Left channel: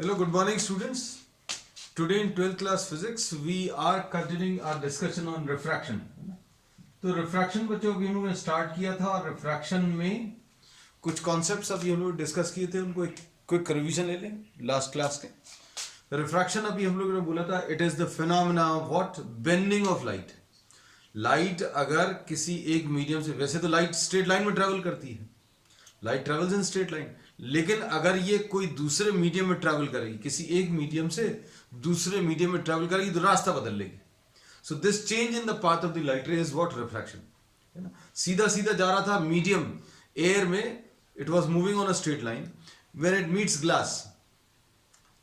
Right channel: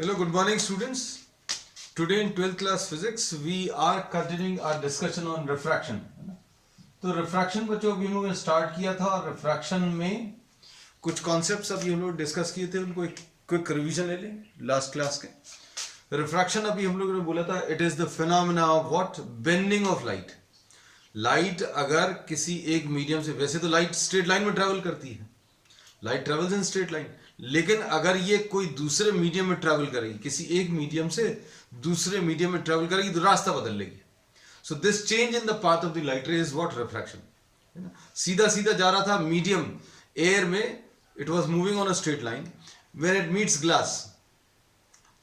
Hello, good morning students. Today in 12th class physics we are continuing our discussion on refraction. तो refraction बच्चों अभी हम लोगों ने स्टार्ट किया था और रिफ्रैक्शन में कुछ कॉन्सेप्ट्स अभी हम लोग डिस्कस किए थे, उनको एक क्विक रिवीजन ले लें लास्ट क्लास के। रिफ्रैक्शन अभी हम लोगों ने बोला था it is the phenomena of what, bending of light. Light अगर किसी एक मीडियम से, वैसे तो लाइट स्ट्रेट लाइन में ट्रैवल करती है, light travels in straight line, लेकिन अगर ये कोई दूसरे मीडियम में ट्रैवल करेगी, किसी एक मीडियम से दूसरे मीडियम में ट्रैवल करेगी तो रास्ता बदल लेगी। सो this change in the path of the light ray is what, refraction. है ना, सीधा सीधा जा रहा था मीडियम एयर में, it was moving on a straight line, when it meets glass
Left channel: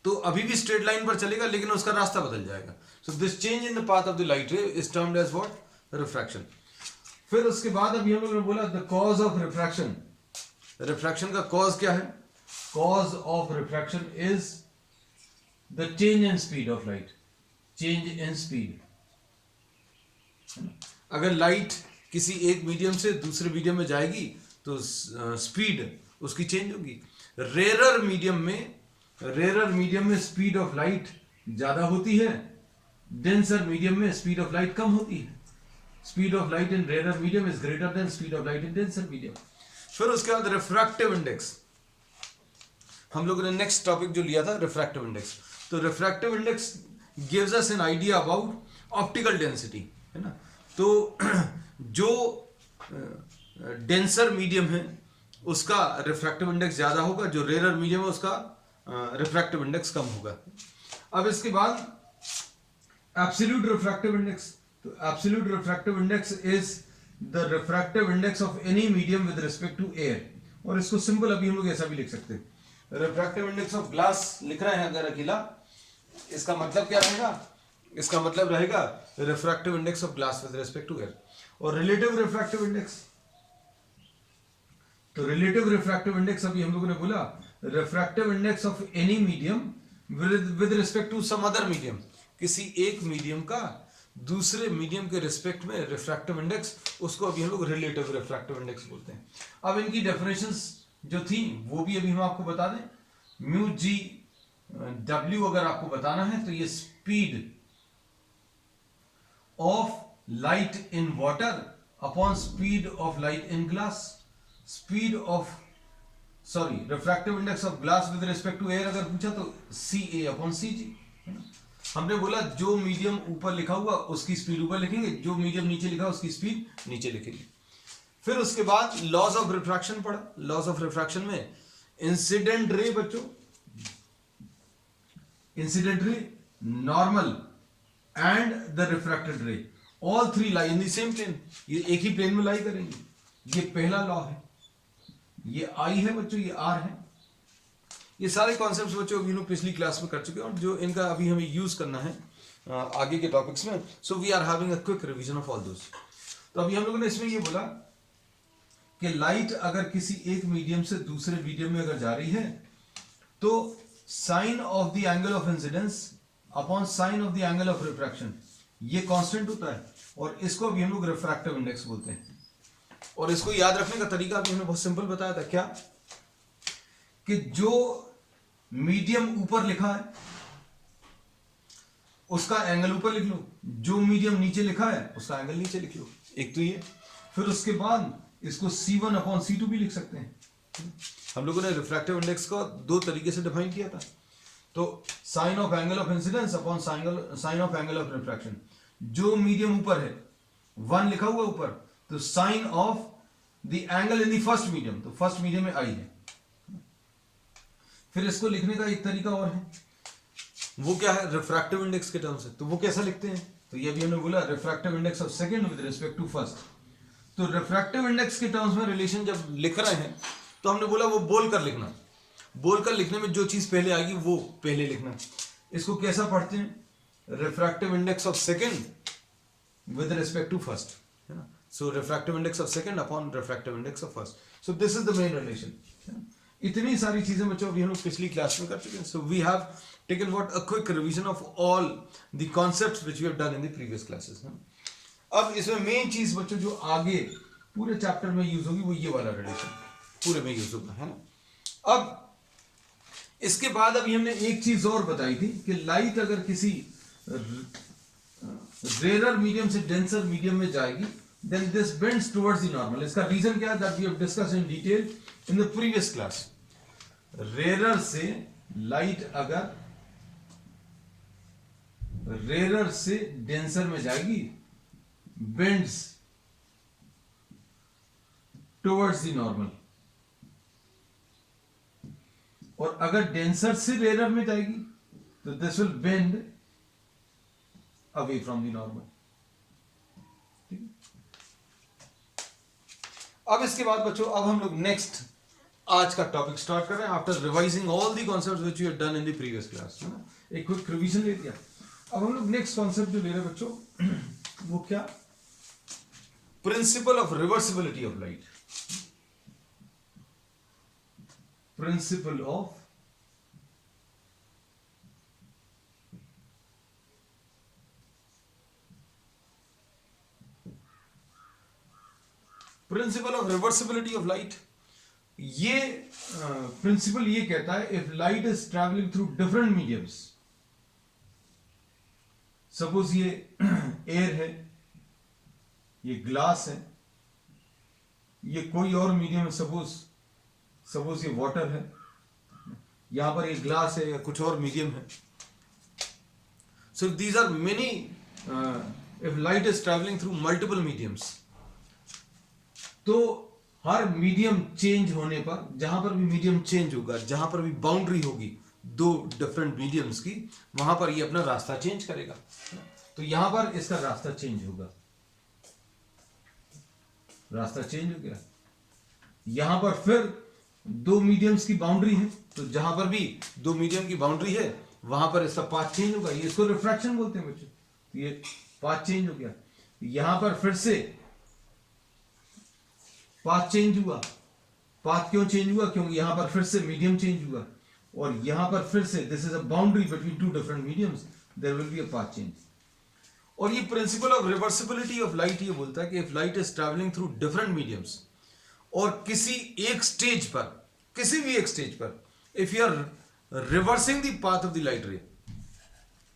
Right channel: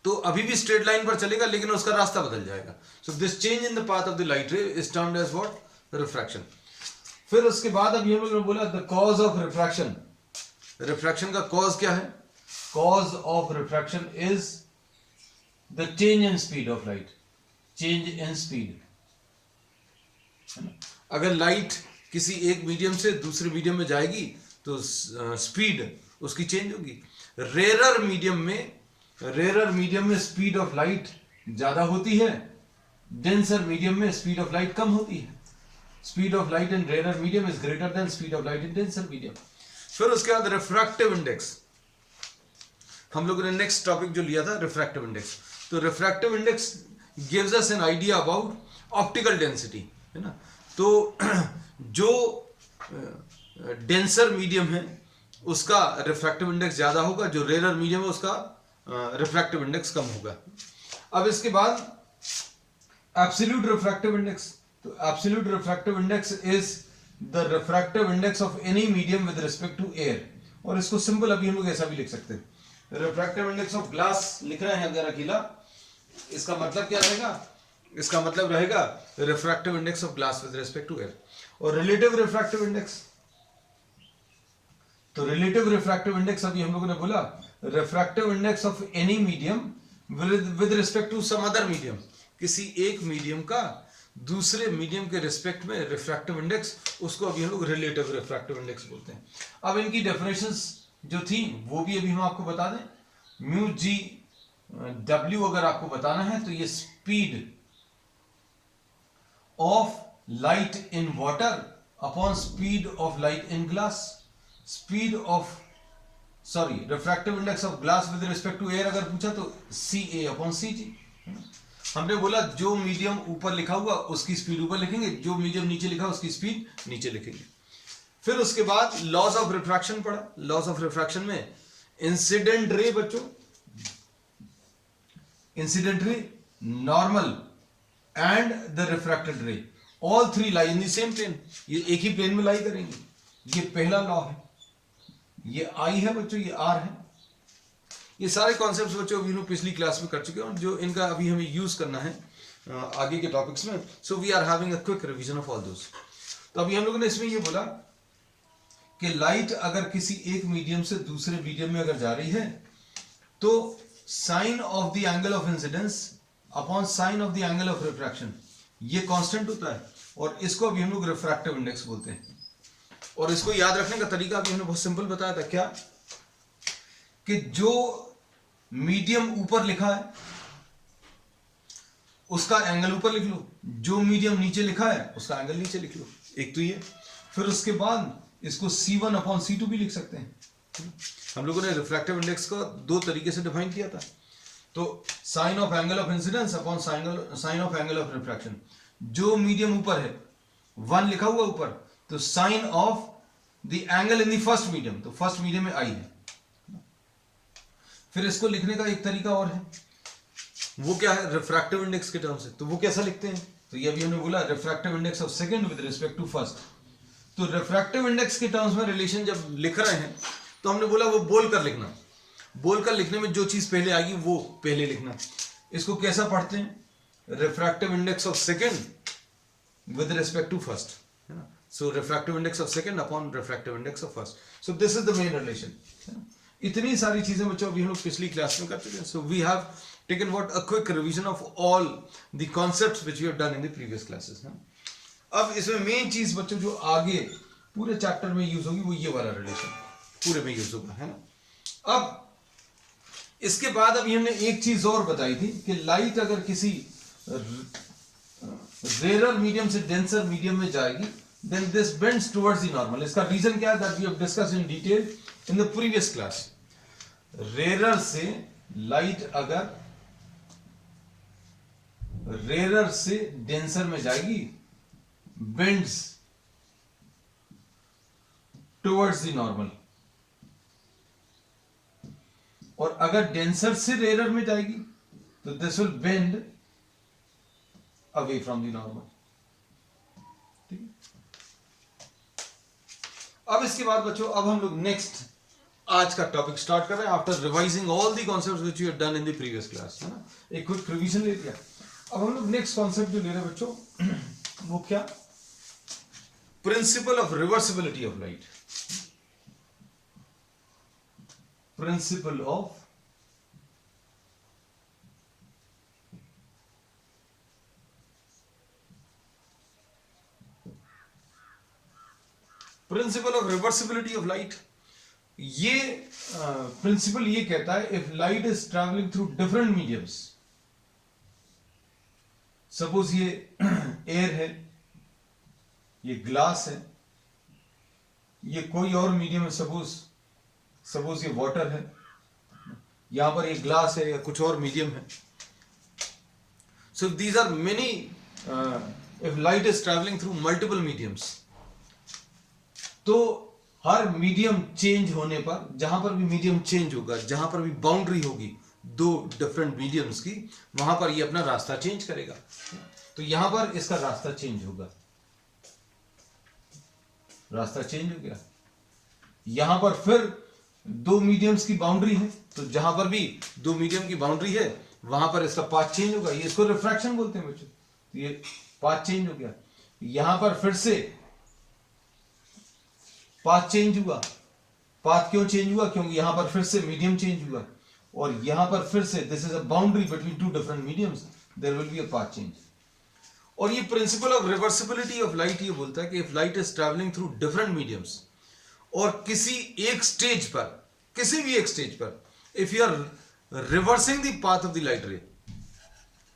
तो अभी भी स्ट्रेट लाइन पर चलेगा लेकिन उसका रास्ता बदल जाएगा। So this change in the path of the light ray is termed as what, refraction. फिर उसके बाद अभी हम लोगों ने बोला the cause of refraction. Refraction का कॉज क्या है? Cause of refraction is the change in speed of light, change in speed. अगर लाइट किसी एक मीडियम से दूसरे मीडियम में जाएगी तो स्पीड उसकी चेंज होगी। रेरर मीडियम में स्पीड ऑफ लाइट ज्यादा होती है, डेंसर मीडियम में स्पीड ऑफ लाइट कम होती है। Speed of light in rarer medium is greater than speed of light in denser medium. फिर उसके बाद रिफ्रैक्टिव इंडेक्स, हम लोगों ने नेक्स्ट टॉपिक जो लिया था रिफ्रैक्टिव इंडेक्स। तो refractive index gives us an idea about optical density, है ना। तो जो डेंसर मीडियम है उसका रिफ्रैक्टिव इंडेक्स ज्यादा होगा, जो रेरर मीडियम है उसका रिफ्रैक्टिव इंडेक्स कम होगा। अब इसके बाद एब्सोल्यूट रिफ्रैक्टिव इंडेक्स। तो absolute refractive index is the refractive index of any medium with respect to air. और इसको सिंपल अभी हम लोग ऐसा भी लिख सकते हैं, रिफ्रैक्टिव इंडेक्स ऑफ ग्लास लिख रहे हैं अगर अकेला, इसका मतलब क्या रहेगा? इसका मतलब रहेगा refractive index of glass with respect to air. और रिलेटिव रिफ्रैक्टिव इंडेक्स, तो रिलेटिव रिफ्रैक्टिव इंडेक्स अभी हम लोगों ने बोला refractive index of any medium with respect to some other medium. किसी एक मीडियम का दूसरे मीडियम के रिस्पेक्ट में रिफ्रैक्टिव इंडेक्स, उसको अभी हम लोग रिलेटिव रिफ्रैक्टिव इंडेक्स बोलते हैं। अब इनकी डेफिनेशंस जो थी वो भी अभी हम आपको बता दें। म्यू जी डब्ल्यू अगर आपको बताना है तो ये speed of light in water upon speed of light in glass. Speed of refractive index of glass with respect to air अगर पूछा तो सी ए अपॉन सी जी। हमने बोला जो मीडियम ऊपर लिखा हुआ उसकी स्पीड ऊपर लिखेंगे, जो मीडियम नीचे लिखा उसकी स्पीड नीचे लिखेंगे। फिर उसके बाद लॉज ऑफ रिफ्रैक्शन पढ़ा। लॉज ऑफ रिफ्रैक्शन में इंसिडेंट रे बच्चों, incident ray, normal and the refracted ray, all three lie in the same plane. ये एक ही प्लेन में लाई करेंगे। ये पहला लॉ है, ये आई है बच्चों, ये आर है। ये सारे कॉन्सेप्ट्स बच्चों अभी हम लोग पिछली क्लास में कर चुके हैं और जो इनका अभी हमें यूज करना है आगे के टॉपिक्स में। So we are having a quick revision of all those. तो अभी हम लोगों ने इसमें ये बोला कि लाइट अगर किसी एक मीडियम से दूसरे मीडियम में अगर जा रही है तो sine of the angle of incidence upon sine of the angle of refraction ये कांस्टेंट होता है, और इसको अभी हम लोग रिफ्रैक्टिव इंडेक्स बोलते हैं। और इसको याद रखने का तरीका अभी हमने बहुत सिंपल बताया था, क्या कि जो मीडियम ऊपर लिखा है उसका एंगल ऊपर लिख लो, जो मीडियम नीचे लिखा है उसका एंगल नीचे लिख लो। एक तो ये, फिर उसके बाद इसको C1 अपॉन C2 भी लिख सकते हैं। हम लोगों ने रिफ्रैक्टिव इंडेक्स को दो तरीके से डिफाइन किया था। तो sine of angle of incidence upon sine of angle of refraction. जो मीडियम ऊपर है, 1 लिखा हुआ ऊपर, तो sine of the angle in the first medium, तो फर्स्ट मीडियम में आई है। फिर इसको लिखने का एक तरीका और है, वो क्या है? रिफ्रैक्टिव इंडेक्स के टर्म से। तो वो कैसा लिखते हैं? तो ये अभी हमने बोला refractive index of second with respect to first. तो रिफ्रैक्टिव इंडेक्स के टर्म्स में रिलेशन जब लिख रहे हैं तो हमने बोला वो बोल कर लिखना। बोल कर लिखने में जो चीज पहले आएगी वो पहले लिखना। इसको कैसा पढ़ते हैं? Refractive index of second with respect to first, है ना। So refractive index of second upon refractive index of first. So this is the main relation. इतनी सारी चीजें बच्चों अभी हम लोग पिछली क्लास में कर चुके हैं। So we have taken what a quick revision of all the concepts which we have done in the previous classes. अब इसमें मेन चीज बच्चों जो आगे पूरे चैप्टर में यूज होगी वो ये वाला रिलेशन पूरे में यूज होगा, है ना। अब इसके बाद अभी हमने एक चीज और बताई थी कि लाइट अगर किसी रेयर मीडियम से डेंसर मीडियम में जाएगी, then this bends towards the normal. इसका रीजन क्या है, that we have discussed in detail in the previous class. Rare से लाइट अगर रेयर से डेंसर में जाएगी, बेंड्स टुवर्ड्स द नॉर्मल, और अगर डेंसर से रेयर में जाएगी तो this will bend away from the normal. ठीक है, अब इसके बाद बच्चों अब हम लोग नेक्स्ट आज का टॉपिक स्टार्ट कर रहे हैं, after revising all the concepts which you have done in the previous class, है ना, एक क्विक रिवीजन ले लिया। अब हम लोग नेक्स्ट कॉन्सेप्ट जो ले रहे हैं बच्चों वो क्या, principal of reversibility of light. Principal of reversibility of light. ये प्रिंसिपल ये कहता है, if light is travelling through different mediums, suppose ये एयर है, ये ग्लास है, ये कोई और मीडियम है, सपोज ये वाटर है, यहां पर ये ग्लास है या कुछ और मीडियम है। So these are many, if light is travelling through multiple mediums, तो हर मीडियम चेंज होने पर, जहां पर भी मीडियम चेंज होगा, जहां पर भी बाउंड्री होगी दो डिफरेंट मीडियम्स की, वहां पर ये अपना रास्ता चेंज करेगा। तो यहां पर इसका रास्ता चेंज होगा, रास्ता चेंज हो गया। यहां पर फिर दो मीडियम्स की बाउंड्री है, तो जहां पर भी दो मीडियम की बाउंड्री है वहां पर इसका पाथ चेंज होगा। ये इसको रिफ्रैक्शन बोलते हैं बच्चों। तो ये पाथ चेंज हो गया, यहां पर फिर से पाथ चेंज हुआ। पाथ क्यों चेंज हुआ, क्योंकि यहां पर फिर से मीडियम चेंज हुआ, और यहां पर फिर से this is a boundary between two different mediums, there will be a path change. और ये principle of reversibility of light ये बोलता है कि if light is travelling through different mediums, और किसी एक स्टेज पर, किसी भी एक स्टेज पर, if you are reversing the path of the light ray,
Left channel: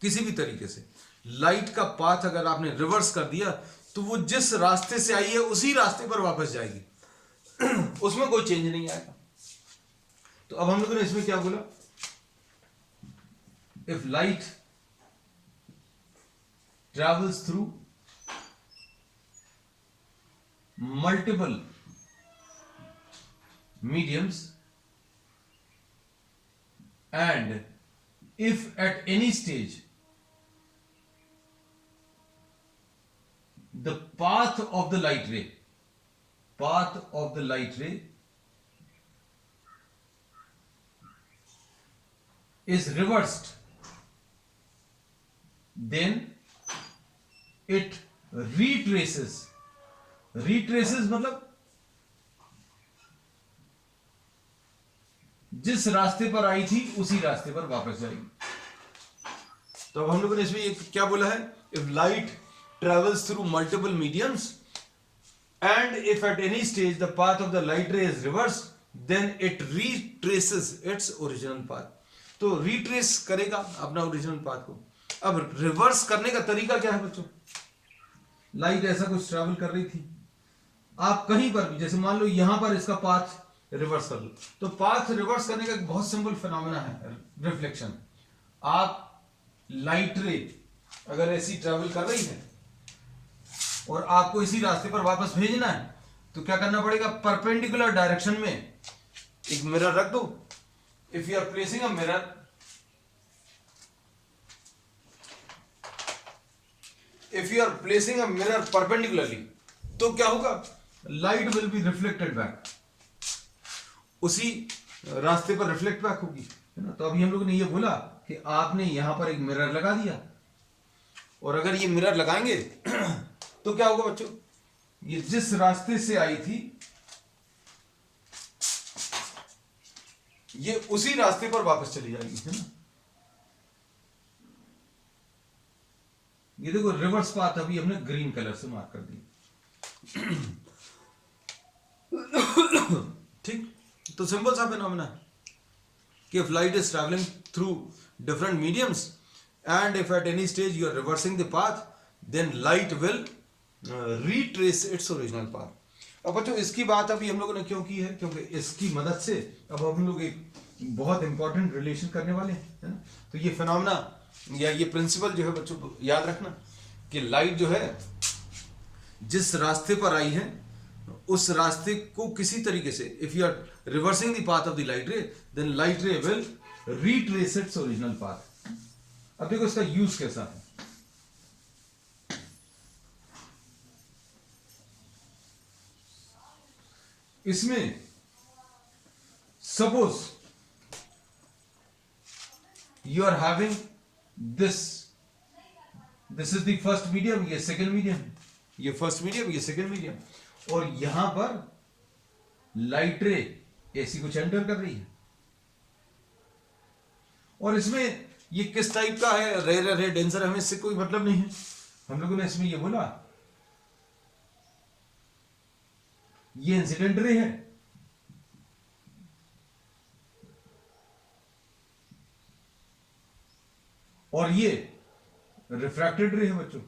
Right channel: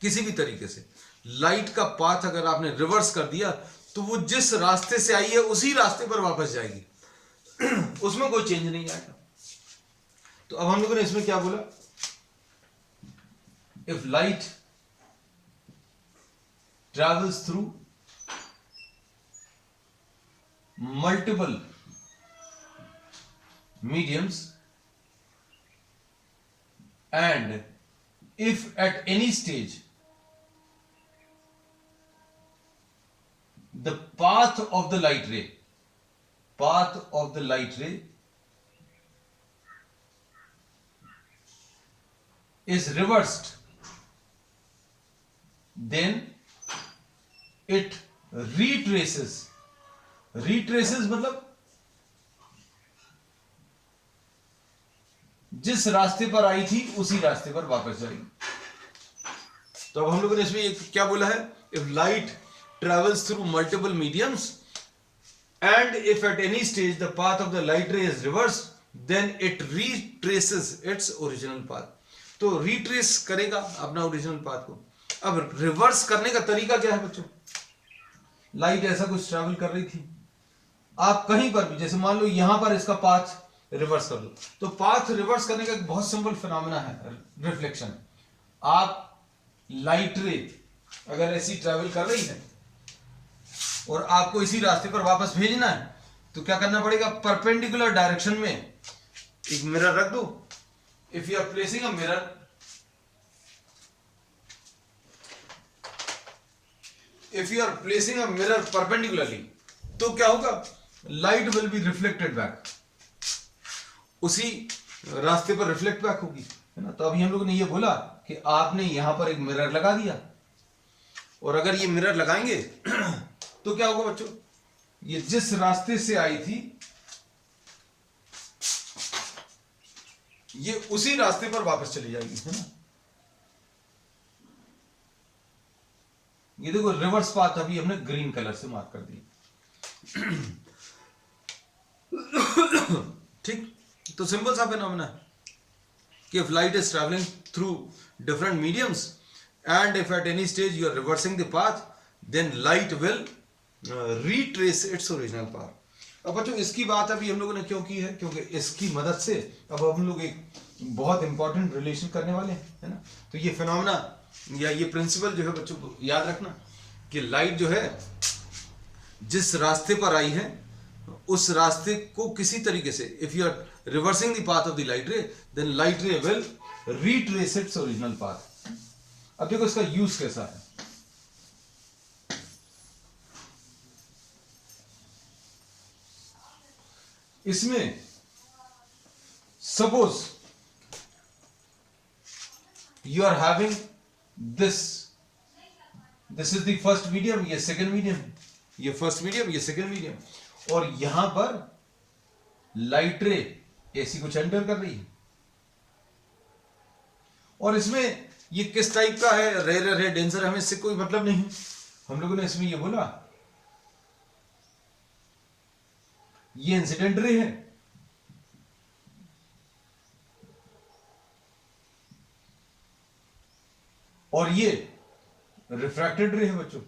किसी भी तरीके से लाइट का पाथ अगर आपने रिवर्स कर दिया, तो वो जिस रास्ते से आई है उसी रास्ते पर वापस जाएगी, उसमें कोई चेंज नहीं आएगा। तो अब हम लोगों ने इसमें क्या बोला, if light travels through multiple mediums, and if at any stage the path of the light ray is reversed, then it retraces मतलब जिस रास्ते पर आई थी उसी रास्ते पर वापस जाएगी। तो अब हम लोगों ने इसमें क्या बोला है, if light travels through multiple mediums and if at any stage the path of the light ray is reverse, then it retraces its original path. तो रीट्रेस करेगा अपना ओरिजिनल पाथ को। अब रिवर्स करने का तरीका क्या है बच्चों, लाइट ऐसा कुछ ट्रैवल कर रही थी, आप कहीं पर भी, जैसे मान लो यहां पर इसका पाथ रिवर्स कर लो, तो पाथ रिवर्स करने का एक बहुत सिंपल फिनोमेना है, रिफ्लेक्शन। आप लाइट रे अगर ऐसी ट्रैवल कर रही है और आपको इसी रास्ते पर वापस भेजना है, तो क्या करना पड़ेगा, परपेंडिकुलर डायरेक्शन में एक मिरर रख दो। If you are placing a mirror, if you are placing a mirror perpendicularly, तो क्या होगा, light will be reflected back, उसी रास्ते पर रिफ्लेक्ट बैक होगी, है ना। तो अभी हम लोगों ने ये बोला कि आपने यहां पर एक मिरर लगा दिया, और अगर ये मिरर लगाएंगे तो क्या होगा बच्चों, ये जिस रास्ते से आई थी ये उसी रास्ते पर वापस चली जाएगी, है ना। ये देखो रिवर्स पाथ अभी हमने ग्रीन कलर से मार्क कर दी। ठीक, तो सिंपल सा फिनोमेना है। कि if light is traveling through different mediums and if at any stage you are reversing the path, then light will retrace its original path. अब बच्चों इसकी बात अभी हम लोगों ने क्यों की है, क्योंकि इसकी मदद से अब हम लोग एक बहुत इंपॉर्टेंट रिलेशन करने वाले हैं, है ना. तो ये फिनोमेना या ये प्रिंसिपल जो है बच्चों याद रखना कि लाइट जो है जिस रास्ते पर आई है उस रास्ते को किसी तरीके से, if you are reversing the path of the light ray, then light ray will retrace its original path. अब देखो इसका यूज कैसा है. इसमें suppose you are having this is the first medium, ये सेकेंड मीडियम, ये फर्स्ट मीडियम, ये second medium, और यहां पर लाइट रे एसी कुछ एंटर कर रही है. और इसमें ये किस टाइप का है, रेयर है, डेंसर है, हमें इससे कोई मतलब नहीं है. हम लोगों ने इसमें ये बोला ये इंसिडेंट रे है और ये रिफ्रैक्टेड रे है बच्चों.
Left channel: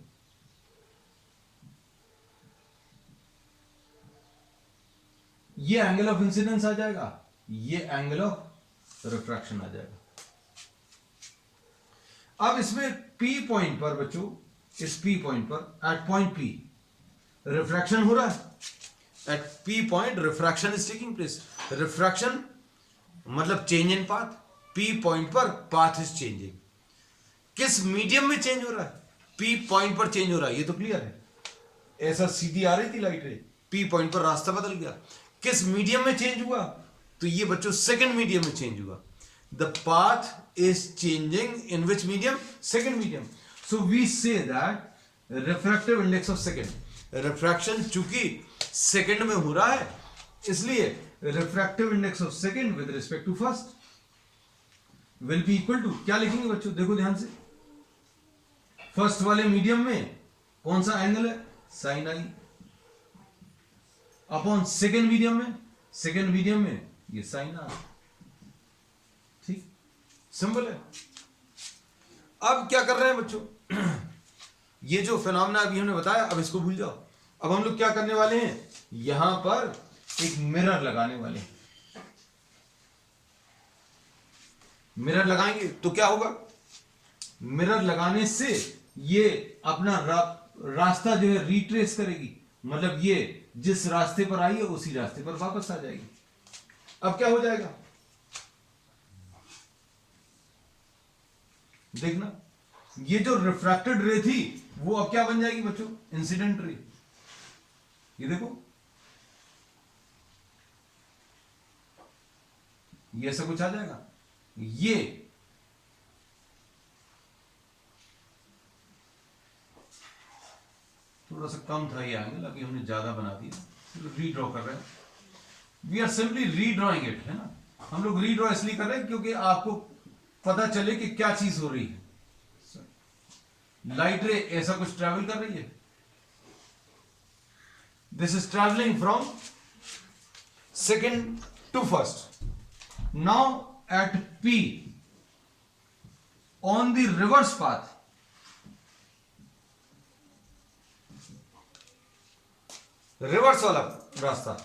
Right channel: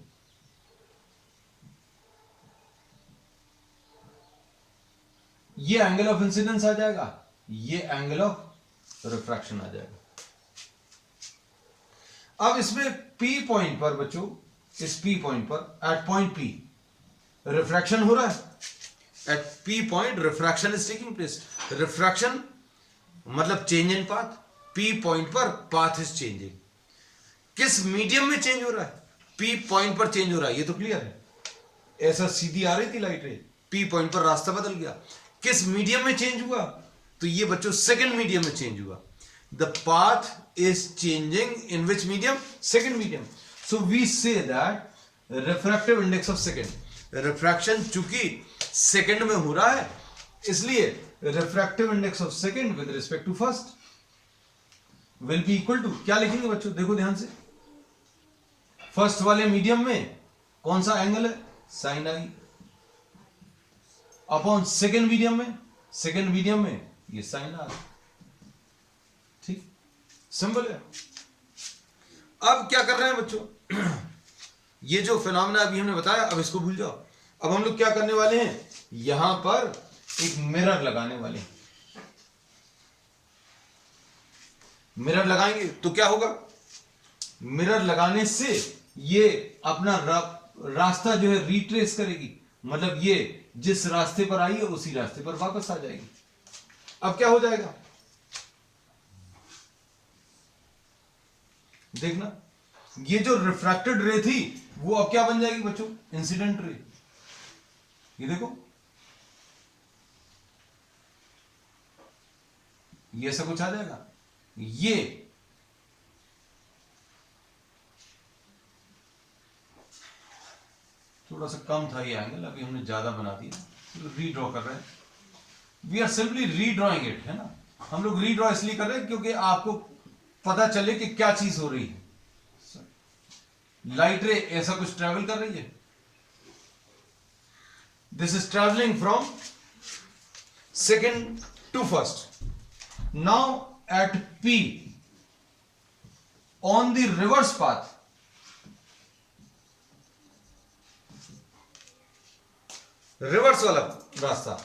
ये एंगल ऑफ इंसिडेंस आ जाएगा, ये एंगल ऑफ रिफ्रैक्शन आ जाएगा. अब इसमें P पॉइंट पर बच्चों, इस P पॉइंट पर एट पॉइंट P रिफ्रैक्शन हो रहा है. At P point refraction is taking place. Refraction मतलब change in path. P point पर पाथ इज चेंजिंग. किस मीडियम में चेंज हो रहा है? P पॉइंट पर चेंज हो रहा है, ये तो क्लियर है. ऐसा सीधी आ रही थी लाइट रे, P पॉइंट पर रास्ता बदल गया. किस मीडियम में चेंज हुआ? तो ये बच्चों सेकंड मीडियम में चेंज हुआ. The path is changing in which medium? Second medium. So we say that refractive index of second, refraction चूंकि सेकंड में हो रहा है इसलिए refractive index of second with respect to first will be equal to, क्या लिखेंगे बच्चों देखो ध्यान से. फर्स्ट वाले मीडियम में कौन सा एंगल है? Sine I. Upon second medium में, सेकेंड मीडियम में ये साइन आर. ठीक, सिंपल है. अब क्या कर रहे हैं बच्चों, ये जो फिनोमेना अभी हमने बताया अब इसको भूल जाओ. अब हम लोग क्या करने वाले हैं, यहां पर एक मिरर लगाने वाले हैं. मिरर लगाएंगे तो क्या होगा, मिरर लगाने से ये अपना रास्ता जो है रिट्रेस करेगी. मतलब ये जिस रास्ते पर आई है उसी रास्ते पर वापस आ जाएगी. अब क्या हो जाएगा देखना, ये जो रिफ्रैक्टेड रे थी वो अब क्या बन जाएगी बच्चों? इंसिडेंट रे. ये देखो ये ऐसा कुछ आ जाएगा. ये थोड़ा सा कम था ये एंगल, अभी हमने ज्यादा बना दिया, रीड्रॉ कर रहे हैं. We are simply redrawing it, है ना. हम लोग रीड्रॉ इसलिए कर रहे हैं क्योंकि आपको पता चले कि क्या चीज हो रही है. लाइट रे ऐसा कुछ ट्रैवल कर रही है. This is travelling from second to first. Now at P on the reverse path, reverse वाला रास्ता.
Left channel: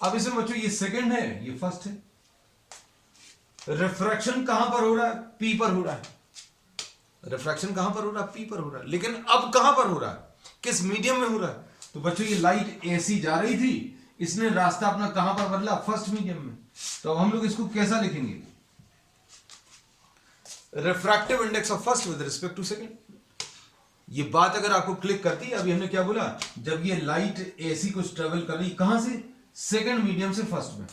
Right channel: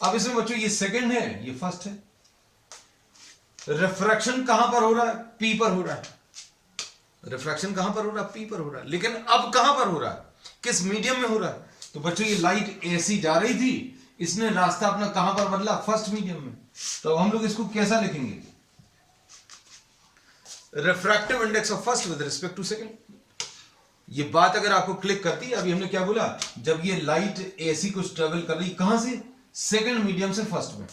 अब इसमें बच्चों ये सेकंड है, ये फर्स्ट है. रिफ्रैक्शन कहां पर हो रहा है? P पर हो रहा है. रिफ्रैक्शन कहां पर हो रहा है? P पर हो रहा है. लेकिन अब कहां पर हो रहा है? किस मीडियम में हो रहा है? तो बच्चों ये लाइट ऐसी जा रही थी, इसने रास्ता अपना कहां पर बदला? फर्स्ट मीडियम में. तो अब हम लोग इसको कैसा लिखेंगे? Refractive index of first with respect to second. ये बात अगर आपको क्लिक करती है, अभी हमने क्या बोला, जब ये लाइट ऐसी कुछ ट्रेवल कर रही, कहां से? सेकंड मीडियम से फर्स्ट में.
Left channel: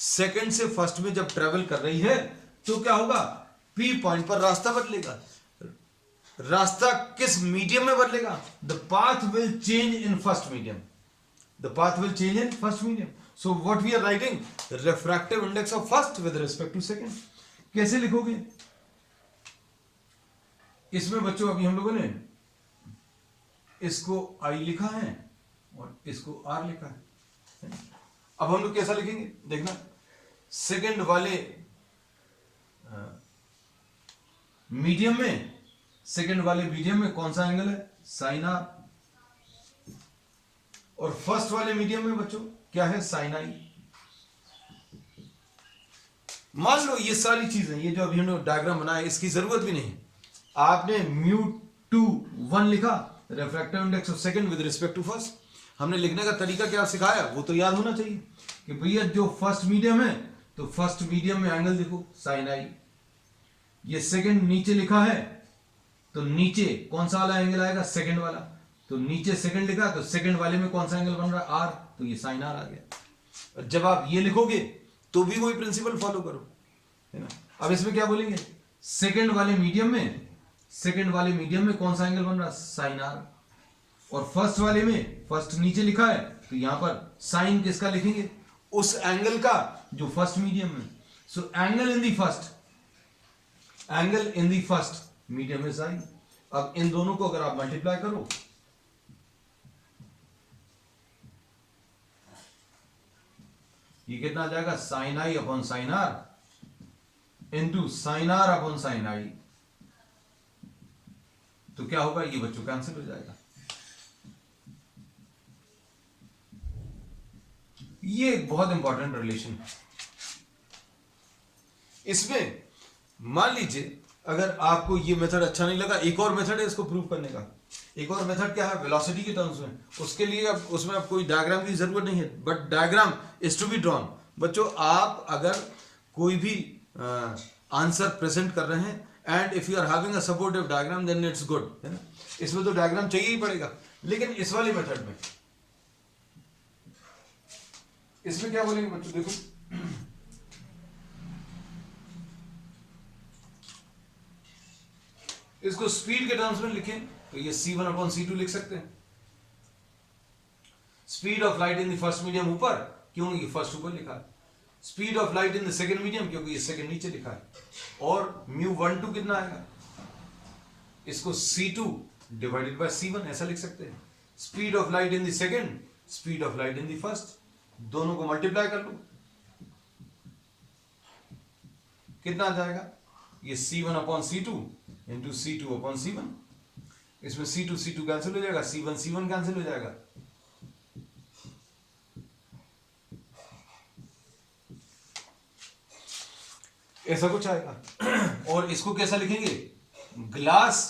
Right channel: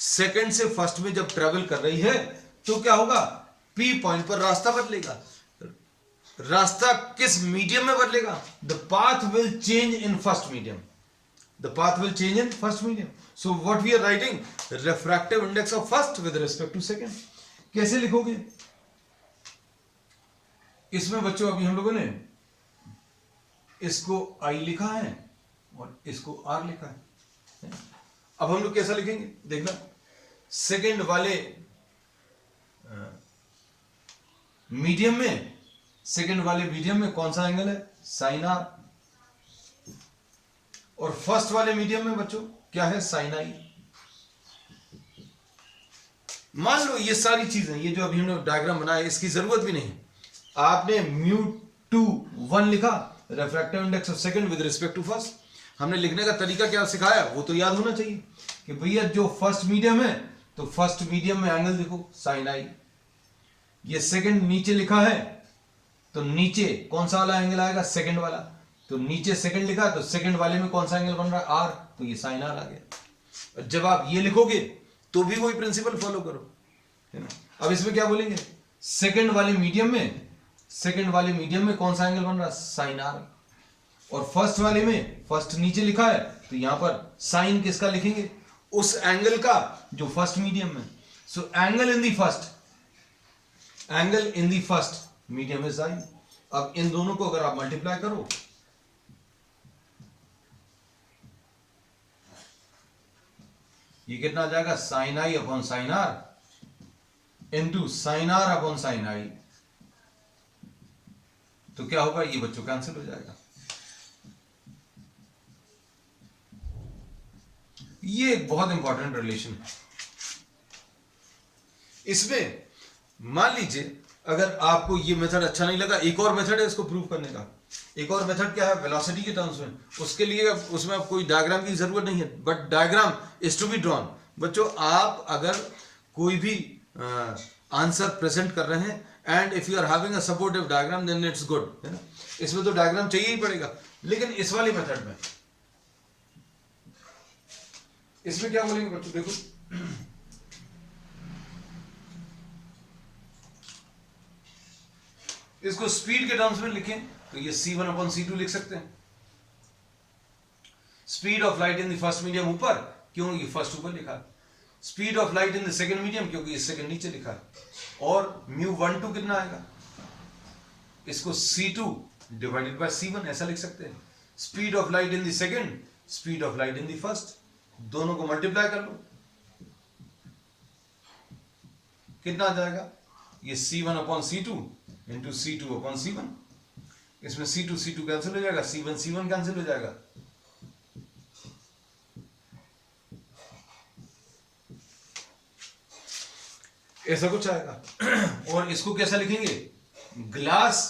सेकंड से फर्स्ट में जब ट्रेवल कर रही है तो क्या होगा? P पॉइंट पर रास्ता बदलेगा. रास्ता किस मीडियम में बदलेगा? The path will change in first medium. The path will change in first medium. So what we are writing, refractive index of first with respect to second. कैसे लिखोगे इसमें बच्चों? अभी हम लोगों ने इसको I लिखा है और इसको R लिखा है. अब हम लोग कैसा लिखेंगे देखना. सेकंड वाले मीडियम में, सेकंड वाले मीडियम में कौन सा एंगल है? Sine r. और फर्स्ट वाले मीडियम में बच्चों क्या है? Sine i. मान लो ये सारी चीजें, ये जो अभी हमने डायग्राम बनाया, इसकी जरूरत भी नहीं। आपने μ2 1 लिखा, refractive index of second with respect to first. हमने लिखने का तरीका क्या सिखाया वो तो याद होना चाहिए कि भैया जो फर्स्ट मीडियम है तो फर्स्ट मीडियम में एंगल देखो साइन आई। ये सेकंड नीचे लिखा है तो नीचे कौन सा वाला एंगल आएगा? सेकंड वाला। तो नीचे सेकंड लिखा तो सेकंड वाले में कौन सा एंगल बन रहा है? आर। तो ये साइन आर आ गया। जब आप ये लिखोगे तो भी वही प्रिंसिपल फॉलो करो, है ना। अब इसमें क्या बोलेंगे? सेकंड वाले मीडियम में, सेकंड वाले मीडियम में कौन सा एंगल बन रहा है? Sine r. और फर्स्ट वाले में, फर्स्ट नीचे लिखा है तो यहां पर साइन किसका लिखेंगे? उस एंगल का जो फर्स्ट मीडियम में। So angle in the first, angle in the first medium is I. अब इन दोनों को अगर आप मल्टीप्लाई करो, ये कितना आ जाएगा? Sine I upon sine R into sine R upon sine I. तो क्या होगा? ये बच्चों कैंसिल हो जाएगा। ये एक बहुत इंपॉर्टेंट रिलेशन है। इसमें मान लीजिए अगर आपको ये मेथड अच्छा नहीं लगा, एक और मेथड है इसको प्रूव करने का। एक और मेथड क्या है? वेलोसिटी के टर्म्स में। उसके लिए अब उसमें अब कोई डायग्राम की जरूरत नहीं है, but diagram is to be drawn. बच्चों आप अगर कोई भी आंसर प्रेजेंट कर रहे हैं and if you are having a supportive diagram then it's good, है ना। इसमें तो डायग्राम चाहिए ही पड़ेगा। लेकिन इस वाली मेथड में, इसमें क्या बोलेंगे बच्चों? देखो इसको स्पीड के टर्म्स में लिखें तो ये c1 अपॉन c2 लिख सकते हैं। Speed of light in the first medium ऊपर, क्यों? ये फर्स्ट ऊपर लिखा है। Speed of light in the second medium, क्योंकि ये सेकंड नीचे लिखा है। और μ12 कितना आएगा? इसको c2 डिवाइडेड बाय c1 ऐसा लिख सकते हैं। Speed of light in the second, speed of light in the first, दोनों को मल्टीप्लाई कर लो, कितना आ जाएगा? ये c1 upon c2 into c2 upon c1। इसमें c2 c2 कैंसिल हो जाएगा, c1 c1 कैंसिल हो जाएगा। ऐसा कुछ आएगा। और इसको कैसा लिखेंगे? Glass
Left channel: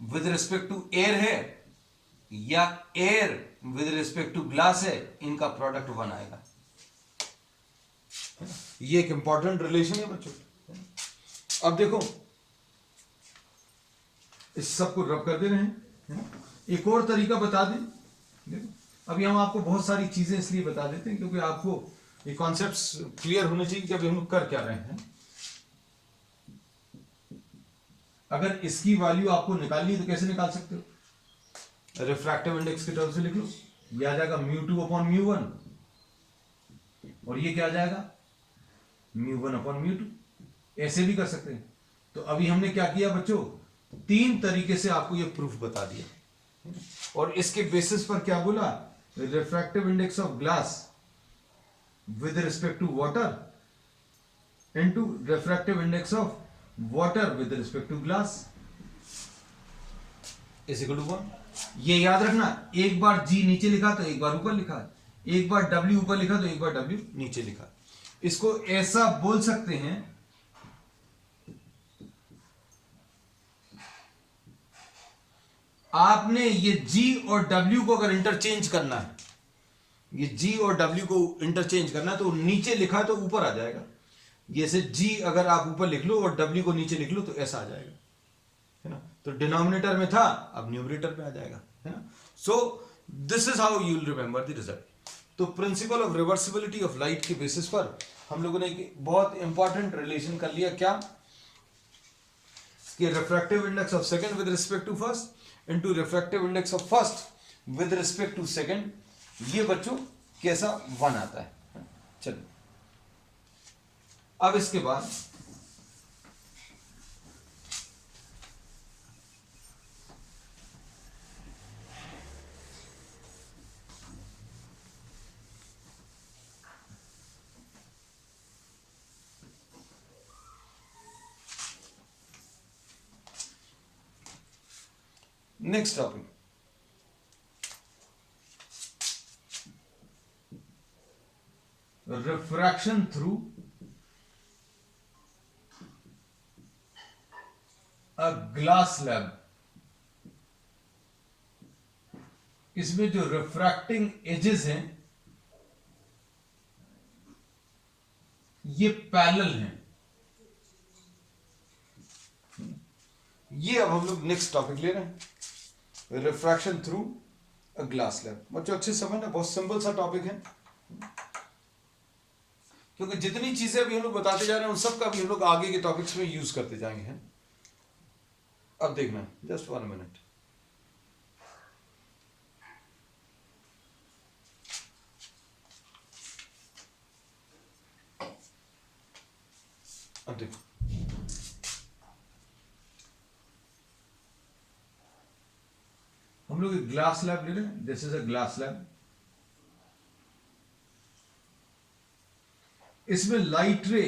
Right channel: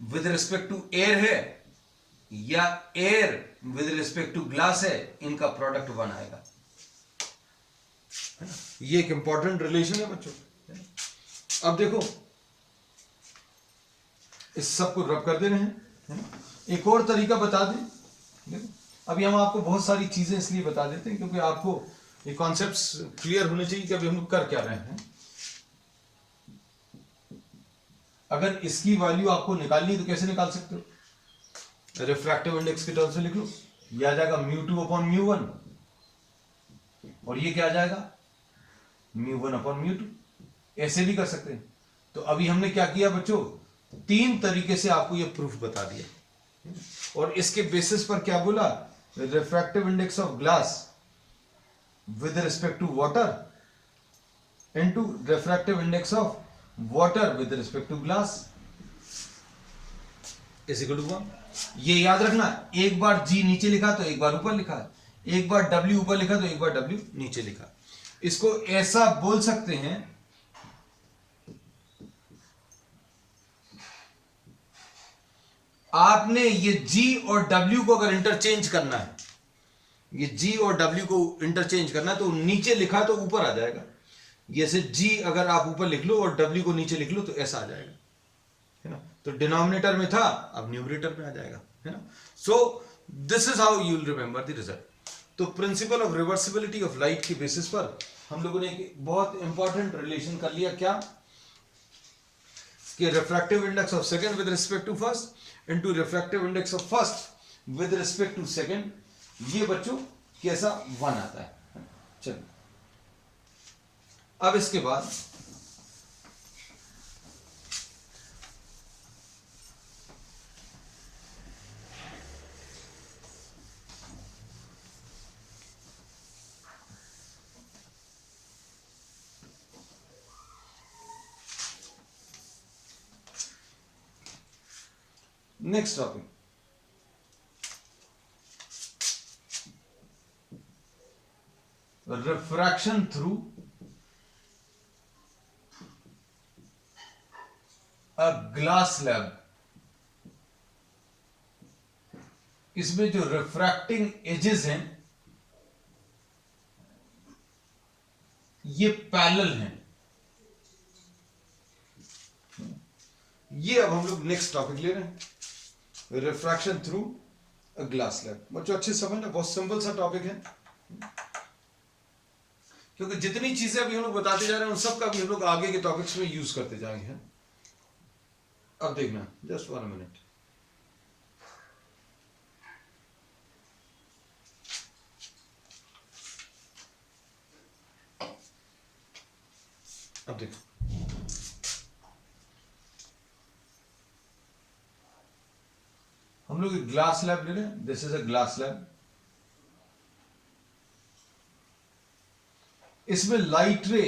with respect to air है या air with respect to glass है, इनका प्रोडक्ट 1 आएगा। ये एक इंपॉर्टेंट रिलेशन है बच्चों। अब देखो इस सब को रब कर दे रहे हैं। एक और तरीका बता दें। देखो अभी हम आपको बहुत सारी चीजें इसलिए बता देते हैं क्योंकि आपको ये कॉन्सेप्ट्स क्लियर होने चाहिए कि अभी हम कर क्या रहे हैं। अगर इसकी वैल्यू आपको निकालनी है तो कैसे निकाल सकते हो? रिफ्रैक्टिव इंडेक्स के टर्म्स में लिख लो। ये आ जाएगा μ2 अपॉन μ1 और ये क्या आ जाएगा? μ1 अपॉन μ2। ऐसे भी कर सकते हैं। तो अभी हमने क्या किया बच्चों? 3 तरीके से आपको ये प्रूफ बता दिया और इसके बेसिस पर क्या बोला? Refractive index of glass with respect to water into refractive index of water with respect to glass is equal to 1। ये याद रखना, एक बार G नीचे लिखा तो एक बार ऊपर लिखा, एक बार W ऊपर लिखा तो एक बार W नीचे लिखा। इसको ऐसा बोल सकते हैं, आपने ये G और W को अगर इंटरचेंज करना है, ये G और W को इंटरचेंज करना है तो नीचे लिखा तो ऊपर आ जाएगा। जैसे G अगर आप ऊपर लिख लो और W को नीचे लिख लो तो ऐसा आ जाएगा, है ना। तो डिनोमिनेटर में था, अब न्यूमरेटर में आ जाएगा, है ना। So this is how you will remember the result. तो principle of reversibility of light के बेसिस पर हम लोगों ने एक बहुत इंपॉर्टेंट रिलेशन कर लिया। क्या? कि refractive index of second with respect to first into refractive index of first with respect to second, ये बच्चों कैसा 1 आता है। चलिए अब इसके बाद next topic, refraction through a glass slab. इसमें जो रिफ्रैक्टिंग एजेस हैं ये पैरेलल हैं। ये अब हम लोग नेक्स्ट टॉपिक ले रहे हैं, refraction through a glass slab. बच्चों अच्छे समझ, बहुत सिंपल सा टॉपिक है, क्योंकि जितनी चीजें अभी हम लोग बताते जा रहे हैं उन सब का भी हम लोग आगे के टॉपिक्स में यूज करते जाएंगे। अब देखना, जस्ट 1 मिनट। अब देखो, हम लोग एक ग्लास स्लैब ले रहे हैं। This is a glass slab. इसमें लाइट रे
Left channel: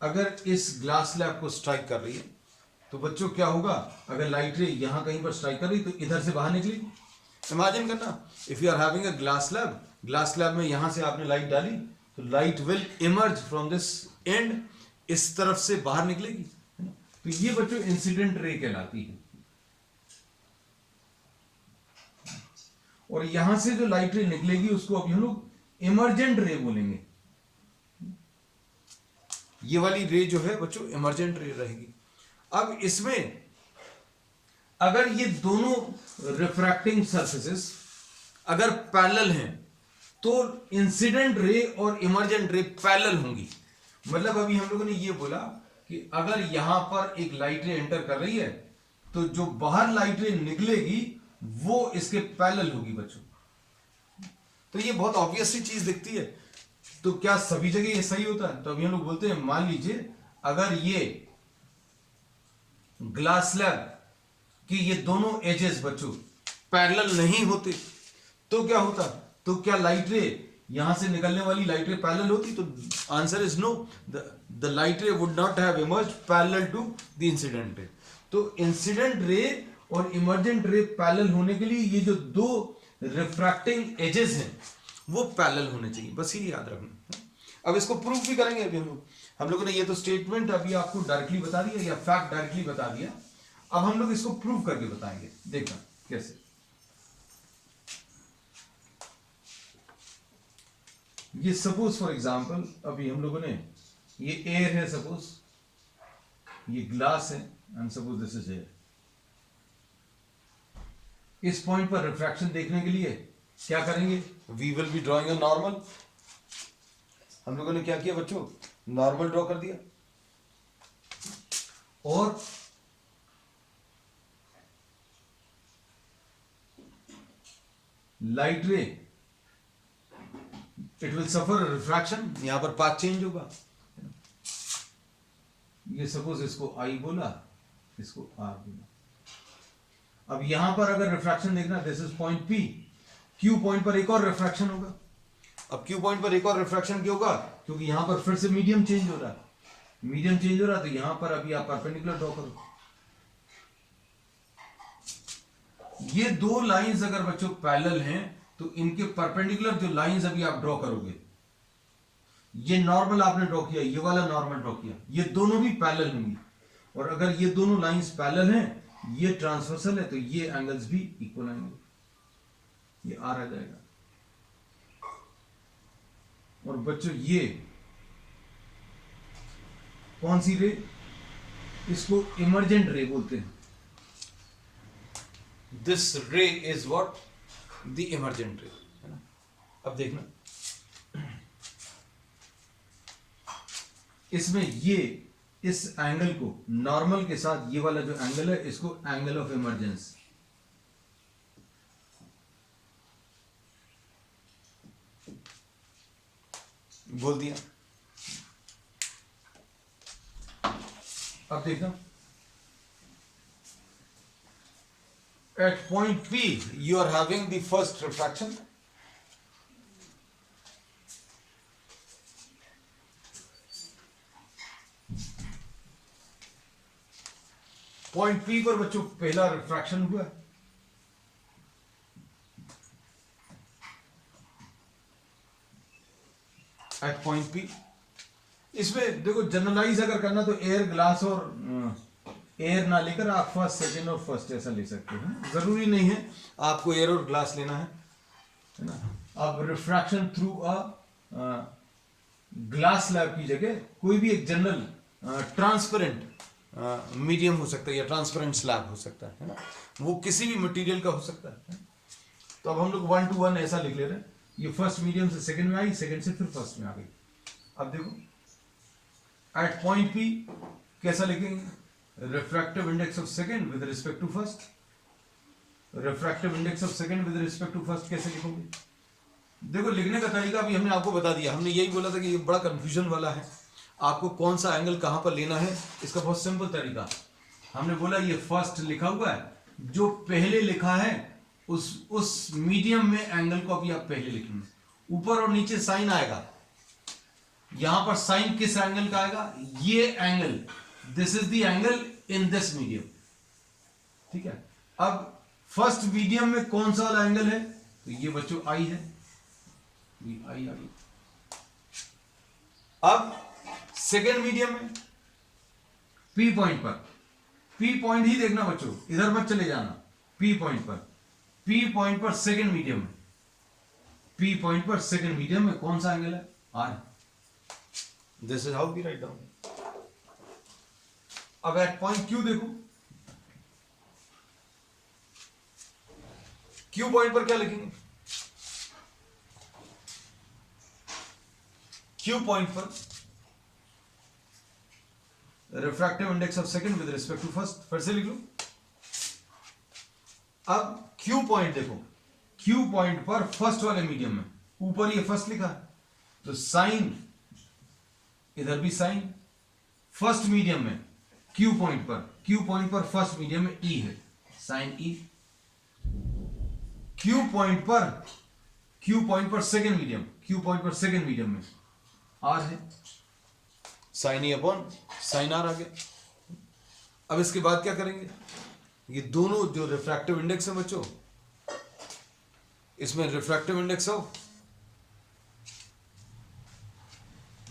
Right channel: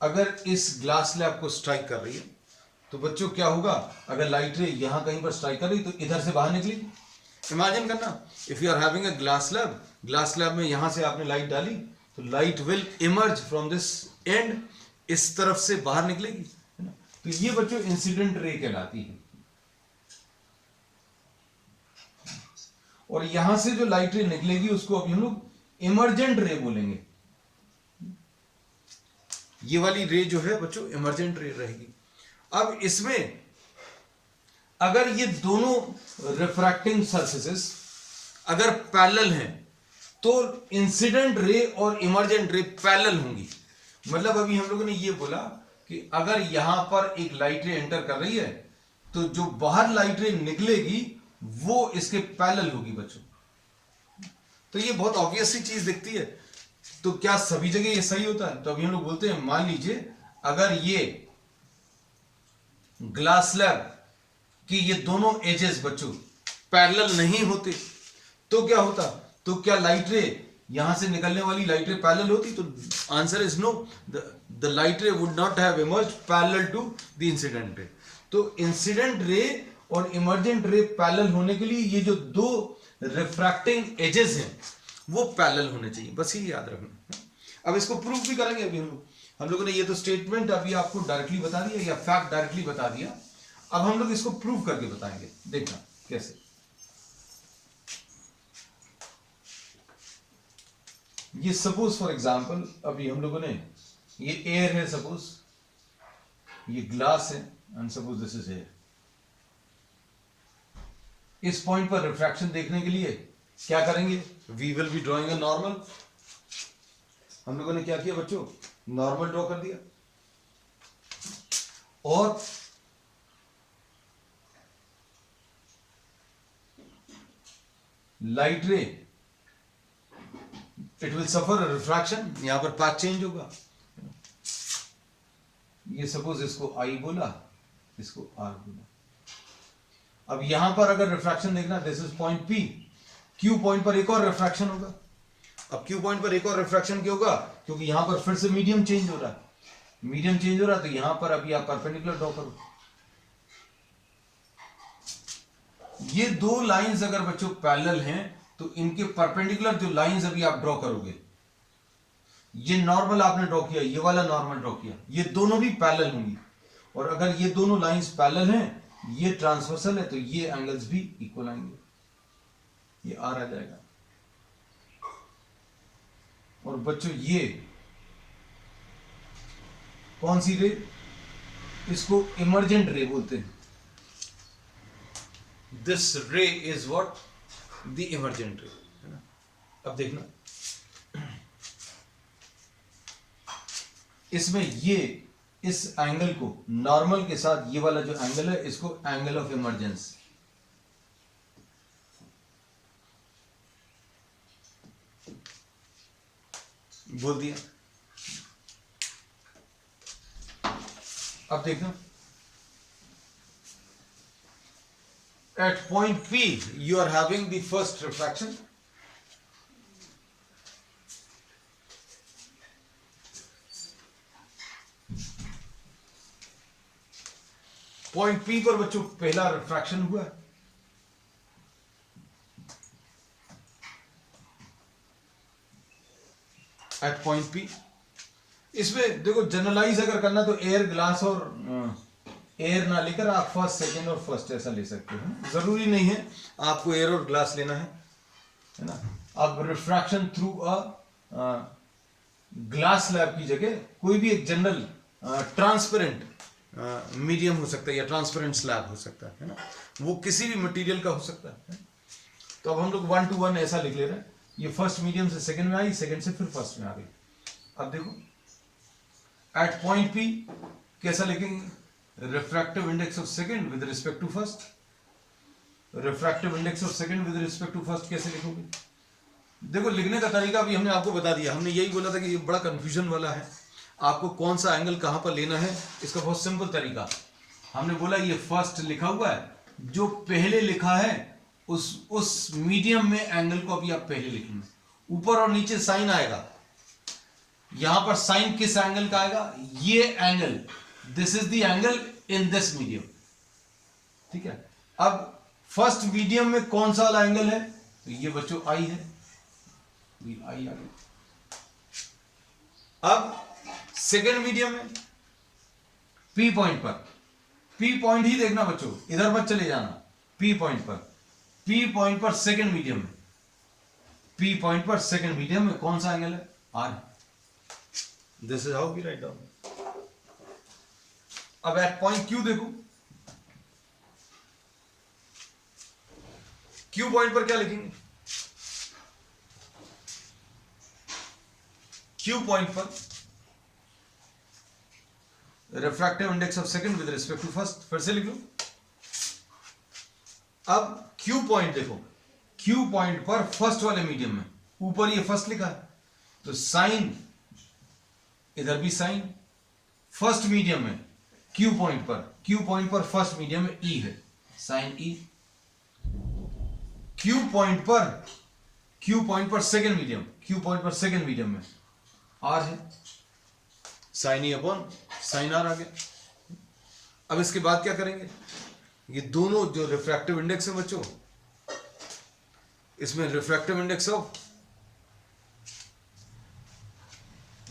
अगर इस ग्लास स्लैब को स्ट्राइक कर रही है तो बच्चों क्या होगा, अगर लाइट रे यहां कहीं पर स्ट्राइक कर रही तो इधर से बाहर निकलेगी। इमेजिन करना, if you are having a glass slab, glass slab में यहां से आपने लाइट डाली तो light will emerge from this end, इस तरफ से बाहर निकलेगी, है ना। तो ये बच्चों इंसिडेंट रे कहलाती है। और यहां से जो लाइट रे निकलेगी उसको अभी हम लोग इमर्जेंट रे बोलेंगे। ये वाली रे जो है बच्चों इमर्जेंट रे रहेगी। अब इसमें अगर ये दोनों रिफ्रैक्टिंग सरफेसेस अगर पैरेलल हैं तो इंसिडेंट रे और इमर्जेंट रे पैरेलल होंगी। मतलब अभी हम लोगों ने ये बोला कि अगर यहां पर एक लाइट रे एंटर कर रही है तो जो बाहर लाइट रे निकलेगी वो इसके पैरेलल होगी बच्चों। तो ये बहुत ऑब्वियस सी चीज दिखती है। तो क्या सभी जगह ये सही होता है? तो अभी हम लोग बोलते हैं, मान लीजिए अगर ये ग्लास स्लैब कि ये दोनों एजेस बच्चों पैरेलल नहीं होते तो क्या होता? तो क्या लाइट रे यहां से निकलने वाली लाइट रे पैरेलल होती? तो answer is no, the light ray would not have emerged parallel to the incident ray. तो इंसिडेंट रे और इमर्जेंट रे पैरेलल होने के लिए ये जो दो रिफ्रैक्टिंग एजेस हैं वो पैरेलल होने चाहिए, बस ये याद रखना। अब इसको प्रूफ भी करेंगे। अभी हम लोगों ने ये तो स्टेटमेंट अभी आपको डायरेक्टली बता दिया या फैक्ट डायरेक्टली बता दिया। अब हम लोग इसको प्रूव करके बताएंगे, देखना कैसे। ये सपोज फॉर एग्जांपल अभी हम लोगों ने, ये एयर है सपोज, ये ग्लास है and suppose this is air. इस पॉइंट पर रिफ्रैक्शन देखने के लिए क्या करेंगे? We will be drawing a normal. हम लोगों ने क्या किया बच्चों? नॉर्मल ड्रॉ कर दिया। और लाइट रे इट विल सफर रिफ्रैक्शन, यहां पर पाथ चेंज होगा। ये सपोज इसको आई बोला, इसको आर बोला। अब यहां पर अगर रिफ्रैक्शन देखना, this is point P, Q point पर एक और रिफ्रैक्शन होगा। अब क्यू पॉइंट पर एक और रिफ्रैक्शन क्यों होगा? क्योंकि यहां पर फिर से मीडियम चेंज हो रहा है। मीडियम चेंज हो रहा है तो यहां पर अभी आप परपेंडिकुलर ड्रॉ करो। ये दो लाइंस अगर बच्चों पैरेलल हैं तो इनके परपेंडिकुलर जो लाइंस अभी आप ड्रॉ करोगे, ये नॉर्मल आपने ड्रॉ किया, ये वाला नॉर्मल ड्रॉ किया, ये दोनों भी पैरेलल होंगी। और अगर ये दोनों लाइंस पैरेलल हैं, ये ट्रांसवर्सल है, तो ये एंगल्स भी इक्वल आएंगे, ये आर आ जाएगा। और बच्चों ये कौन सी रे? इसको इमर्जेंट रे बोलते हैं। दिस रे इज व्हाट? द इमर्जेंट रे, है ना। अब देखना, इसमें ये इस एंगल को नॉर्मल के साथ ये वाला जो एंगल है इसको एंगल ऑफ इमर्जेंस, बोल दिया। अब देखना, at point P you are having the first refraction, point P पर बच्चों पहला रिफ्रैक्शन हुआ है। एट पॉइंट P इसमें देखो जनरलाइज अगर करना तो एयर, ग्लास और एयर ना लेकर आप फर्स्ट, सेकंड और फर्स्ट ऐसा ले सकते हो। जरूरी नहीं है आपको एयर और ग्लास लेना है ना। आप refraction through a glass slab की जगह कोई भी एक जनरल ट्रांसपेरेंट मीडियम हो सकता है या ट्रांसपेरेंट स्लैब हो सकता है ना, वो किसी भी मटेरियल का हो सकता है। तो अब हम लोग 1 to 1 ऐसा लिख ले रहे हैं। ये फर्स्ट मीडियम से सेकंड में आई, सेकंड से फिर फर्स्ट में आ गई। अब देखो एट पॉइंट P कैसा लिखेंगे? Refractive index of second with respect to first. Refractive index of second with respect to first कैसे लिखोगे? देखो लिखने का तरीका भी हमने आपको बता दिया। हमने यही बोला था कि ये बड़ा कंफ्यूजन वाला है, आपको कौन सा एंगल कहां पर लेना है, इसका बहुत सिंपल तरीका। हमने बोला ये फर्स्ट लिखा हुआ है, जो पहले लिखा है उस मीडियम में एंगल को अभी आप पहले लिखेंगे। ऊपर और नीचे साइन आएगा, यहां पर साइन किस एंगल का आएगा? ये angle, this is the angle in this medium, ठीक है। अब फर्स्ट मीडियम में कौन सा वाला एंगल है? तो ये बच्चों आई है, ये आई आ गई। अब सेकेंड मीडियम में P पॉइंट पर, P पॉइंट ही देखना बच्चों, इधर मत चले जाना। P पॉइंट पर, P पॉइंट पर सेकेंड मीडियम में, P पॉइंट पर सेकेंड मीडियम में कौन सा एंगल है? R। This is how we write down. अब एट पॉइंट Q देखो, Q पॉइंट पर क्या लिखेंगे? Q पॉइंट पर refractive index of second with respect to first, फिर से लिख लो। अब Q पॉइंट देखो, Q पॉइंट पर फर्स्ट वाले मीडियम में, ऊपर ये फर्स्ट लिखा है तो साइन, इधर भी साइन। फर्स्ट मीडियम में Q पॉइंट पर फर्स्ट मीडियम में E है, साइन E। Q पॉइंट पर सेकंड मीडियम में R है, sine E upon sine R आ गया। अब इसके बाद क्या करेंगे? ये दोनों जो रिफ्रैक्टिव इंडेक्स है बच्चों, इसमें रिफ्रैक्टिव इंडेक्स ऑफ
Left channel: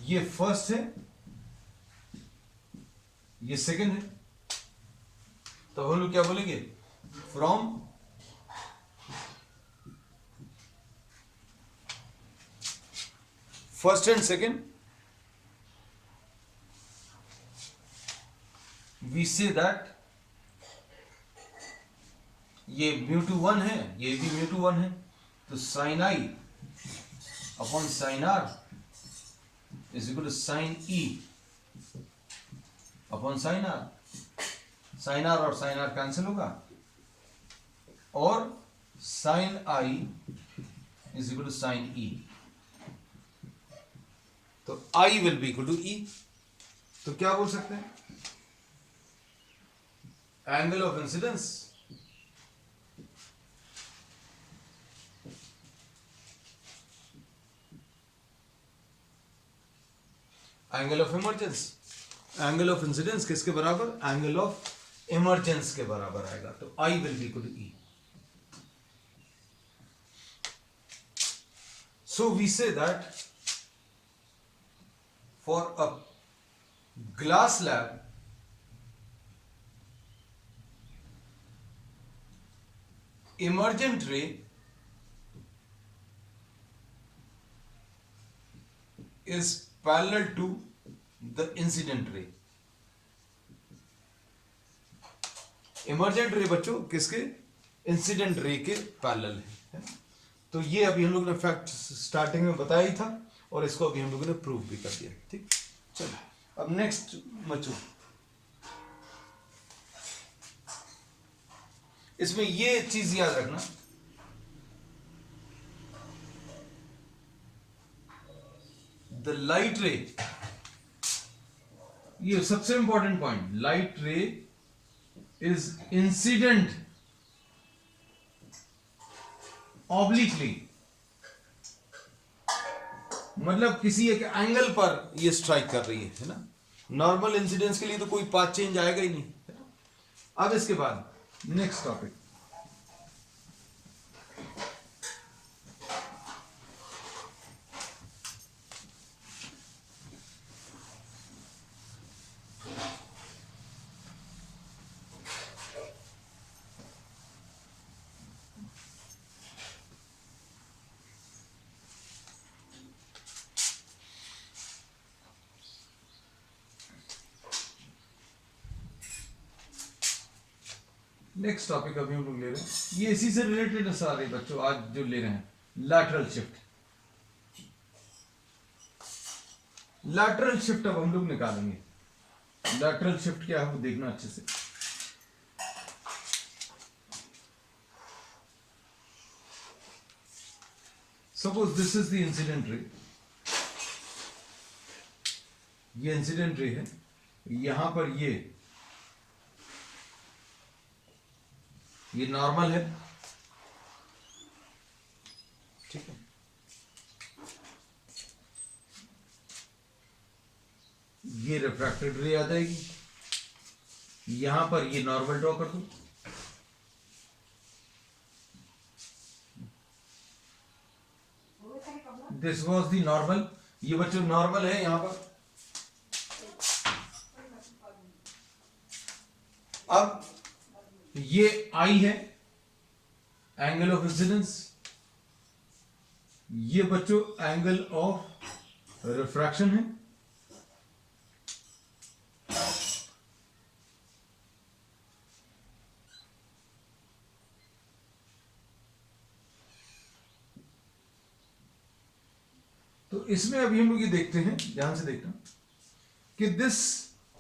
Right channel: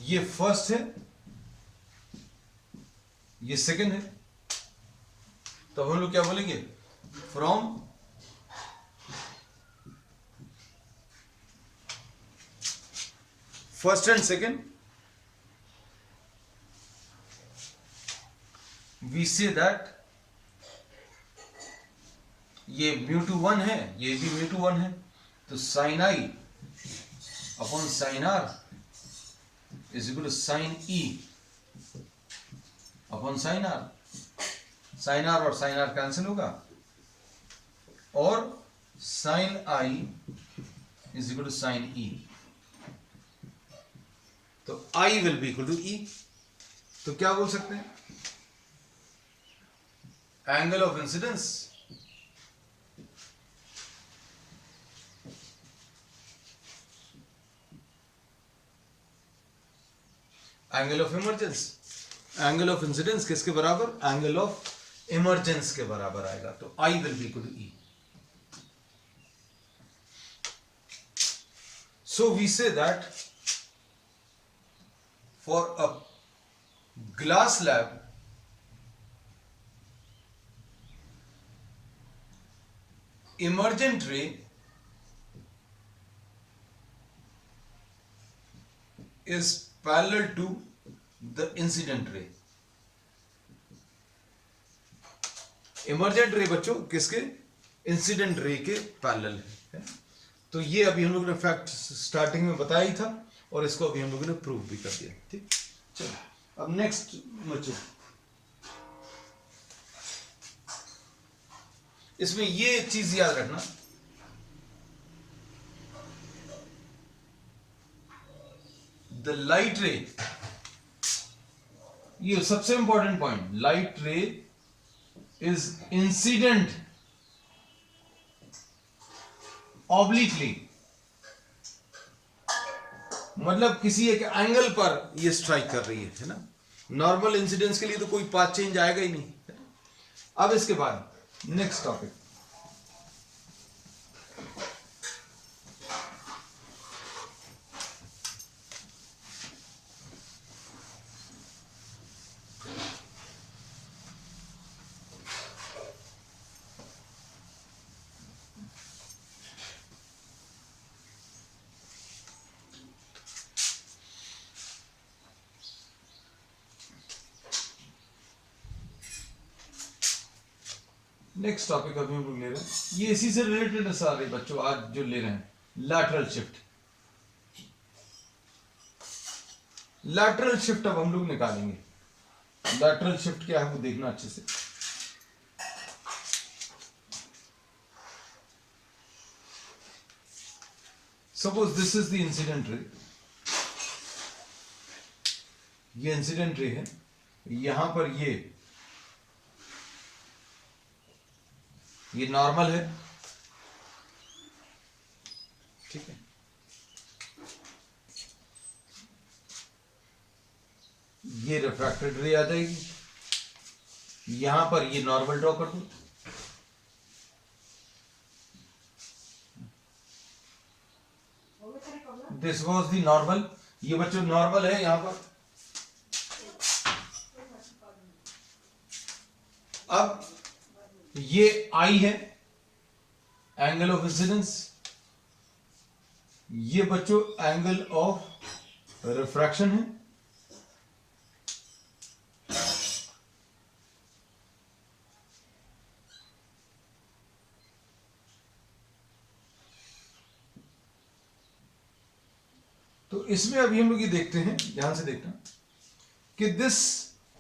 ये फर्स्ट है, ये सेकंड है, तो हम लोग क्या बोलेंगे? From first and second we say that ये μ2 1 है, ये भी μ2 1 है, तो sine I upon sine R is equal to sine E upon sine R। Sine R और साइन R कैंसिल होगा और sine I is equal to sine E, तो I will be equal to E। तो क्या बोल सकते हैं? Angle of incidence angle of emergence, angle of incidence किसके बराबर? एंगल ऑफ इमर्जेंस के बराबर आएगा, तो I will be equal to E। So we say that for a glass slab emergent ray is parallel to the incident ray। Emergent ray बच्चों किसके? Incident ray के parallel है। तो ये अभी हम लोगों ने फैक्ट स्टार्टिंग में बताया ही था और इसको अभी हम लोगों ने प्रूव भी कर दिया, ठीक। चलो अब नेक्स्ट बच्चों, इसमें ये चीज याद रखना, द लाइट रे, ये सबसे important point, light ray is incident obliquely, मतलब किसी एक एंगल पर ये स्ट्राइक कर रही है ना। नॉर्मल इंसिडेंस के लिए तो कोई पाथ चेंज आएगा ही नहीं, है ना। अब इसके बाद नेक्स्ट टॉपिक, नेक्स्ट टॉपिक अभी हम लोग ले रहे हैं, ये इसी से रिलेटेड है सारे बच्चों आज जो ले रहे हैं, लैटरल शिफ्ट। लैटरल शिफ्ट अब हम लोग निकालेंगे। लैटरल शिफ्ट क्या है वो देखना अच्छे से। Suppose this is the incident रे, ये इंसिडेंट रे है, यहां पर ये नॉर्मल है, ठीक है। ये रिफ्रैक्टेड रे आ जाएगी, यहां पर ये नॉर्मल ड्रॉ कर दो, दिस वॉज दी नॉर्मल, ये बच्चों नॉर्मल है यहां पर। अब ये आई है, एंगल ऑफ इंसिडेंस, ये बच्चों एंगल ऑफ रिफ्रैक्शन है, तो इसमें अभी हम लोग ये देखते हैं, ध्यान से देखना कि दिस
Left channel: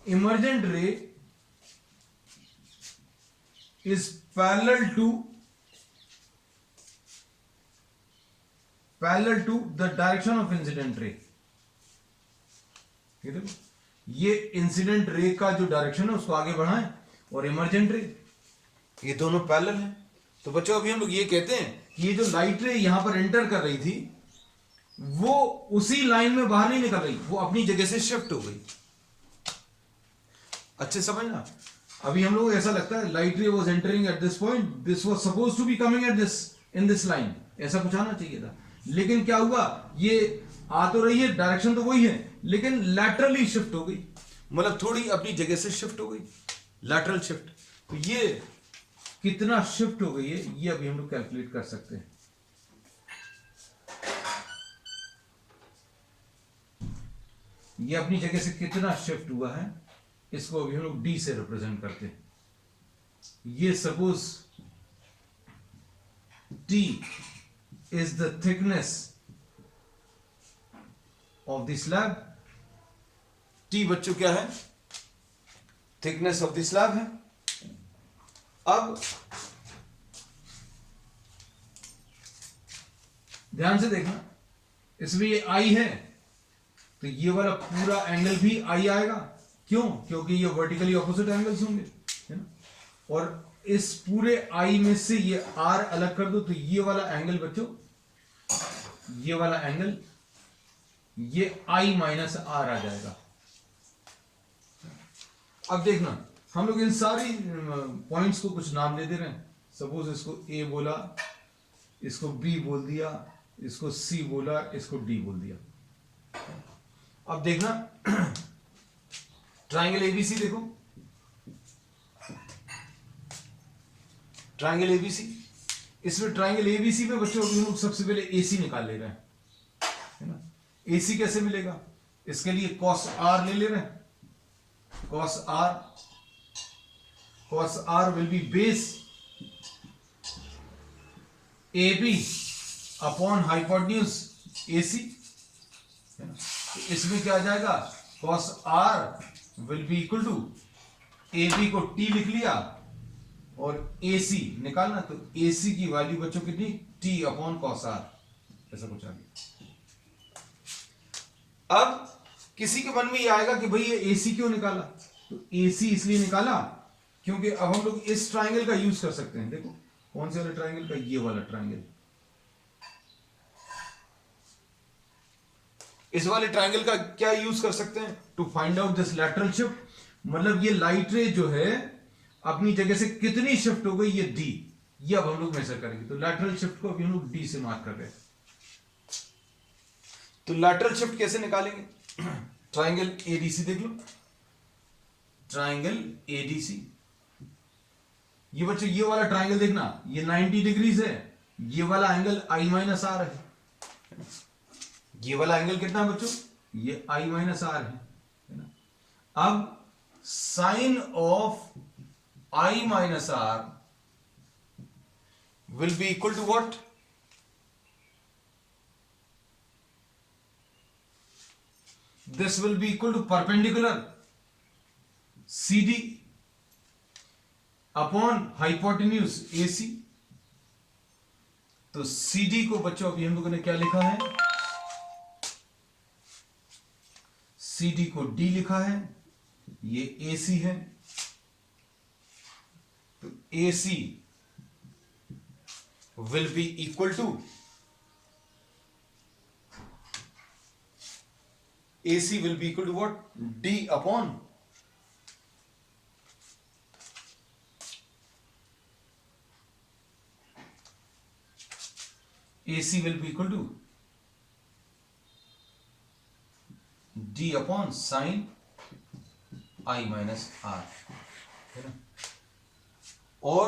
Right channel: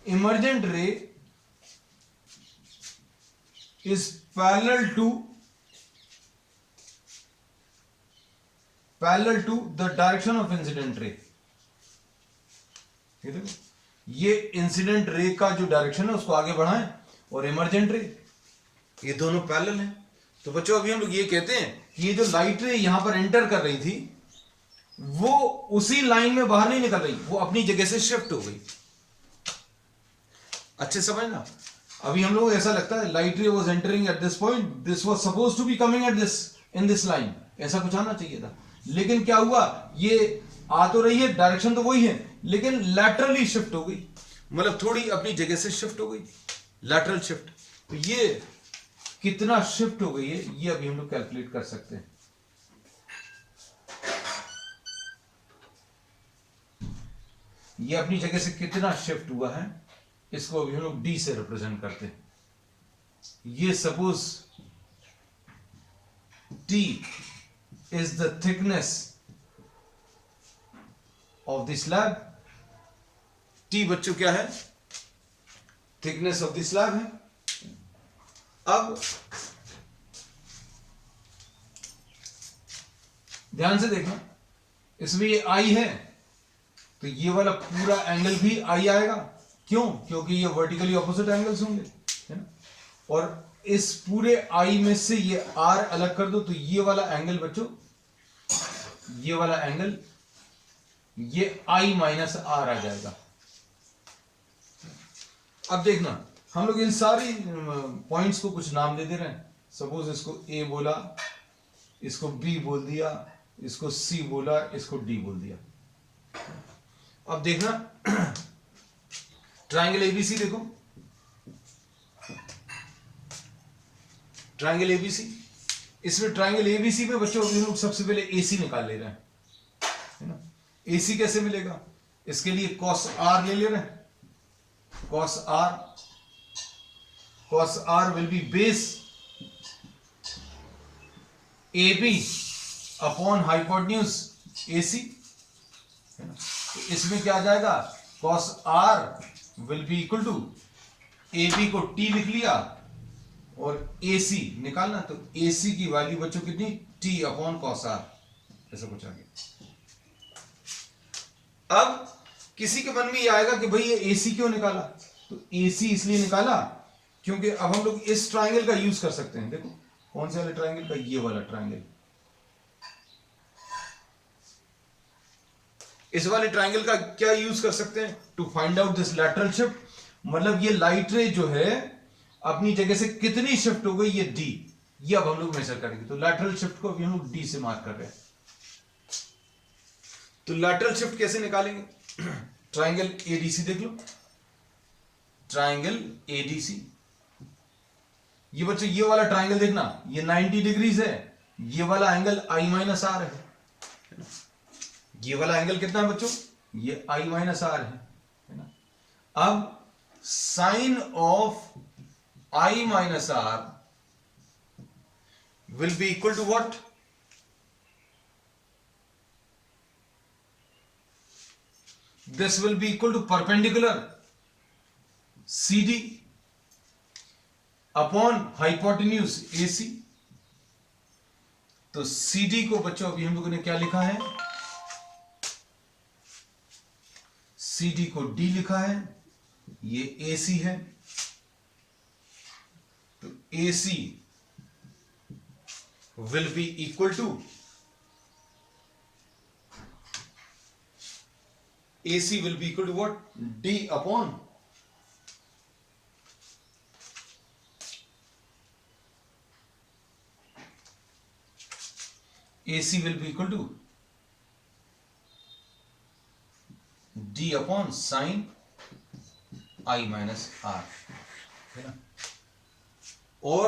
इमर्जेंट रे is parallel to the direction of incident ray। ये देखो, ये इंसिडेंट रे का जो डायरेक्शन है उसको आगे बढ़ाएं, और इमर्जेंट रे, ये दोनों पैरेलल हैं। तो बच्चों अभी हम लोग ये कहते हैं कि ये जो लाइट रे यहां पर एंटर कर रही थी वो उसी लाइन में बाहर नहीं निकल रही, वो अपनी जगह से शिफ्ट हो गई। अच्छे समझना, अभी हम लोग ऐसा लगता है light ray was entering at this point, this was suppose to be coming at this in this line, ऐसा कुछ आना चाहिए था, लेकिन क्या हुआ, ये आ तो रही है, डायरेक्शन तो वही है, लेकिन लैटरली शिफ्ट हो गई, मतलब थोड़ी अपनी जगह से शिफ्ट हो गई, लैटरल शिफ्ट। तो ये कितना शिफ्ट हो गई है ये अभी हम लोग कैलकुलेट कर सकते हैं। ये अपनी जगह से कितना शिफ्ट हुआ है, इसको अभी हम लोग डी से रिप्रेजेंट करते हैं। ये suppose T is the thickness of the slab, T बच्चों क्या है, थिकनेस ऑफ द स्लैब है। अब ध्यान से देखना, इसमें ये आई है तो ये वाला पूरा एंगल भी आई आएगा, क्यों, क्योंकि ये वर्टिकली ऑपोजिट एंगल्स होंगे, है ना। और इस पूरे आई में से ये आर अलग कर दो तो ये वाला एंगल बच्चों, ये वाला एंगल, ये आई माइनस आर आ जाएगा। अब देखना, हम लोग इन सारी पॉइंट्स को कुछ नाम दे दे रहे हैं। सपोज इसको ए बोला, इसको बी बोल दिया, इसको सी बोला, इसको डी बोल दिया। अब देखना ट्राइंगल एबीसी देखो, ट्राइंगल एबीसी, इसमें ट्राइंगल एबीसी में बच्चों अभी हम लोग सबसे पहले एसी निकाल ले रहे हैं, है ना। एसी कैसे मिलेगा, इसके लिए कॉस आर ले ले रहे हैं, cos R will be base A B upon hypotenuse AC, है ना। तो इसमें क्या आ जाएगा, cos R will be equal to A B को टी लिख लिया और ए सी निकालना, तो ए सी की वैल्यू बच्चों कितनी, टी अपॉन कॉस आर, ऐसा कुछ आ गया। अब किसी के मन में ये आएगा कि भाई ये ए सी क्यों निकाला, तो ए सी इसलिए निकाला क्योंकि अब हम लोग इस ट्राइंगल का यूज कर सकते हैं। देखो कौन से वाले ट्राइंगल का, ये वाला ट्राइंगल, इस वाले ट्राइंगल का क्या यूज कर सकते हैं to find out this lateral shift. मतलब ये लाइट रे जो है अपनी जगह से कितनी शिफ्ट हो गई, ये डी, ये अब हम लोग मेजर करेंगे। तो लैटरल शिफ्ट को अभी हम लोग डी से मार्क कर रहे हैं। तो लैटरल शिफ्ट कैसे निकालेंगे? ट्राइंगल एडीसी देख लो, ट्राइंगल एडीसी, ये बच्चों ये वाला ट्राइंगल देखना, ये 90 डिग्रीज है, ये वाला एंगल आई माइनस आर है। ये वाला एंगल कितना है बच्चों? ये आई माइनस आर है ना। अब sine of I minus R will be equal to what? This will be equal to perpendicular CD upon hypotenuse AC। तो CD को बच्चों अभी हम लोगों ने क्या लिखा है? CD को D लिखा है, ये AC है। तो AC will be equal to AC will be equal to what? D upon AC will be equal to D upon sin I minus R, है ना। और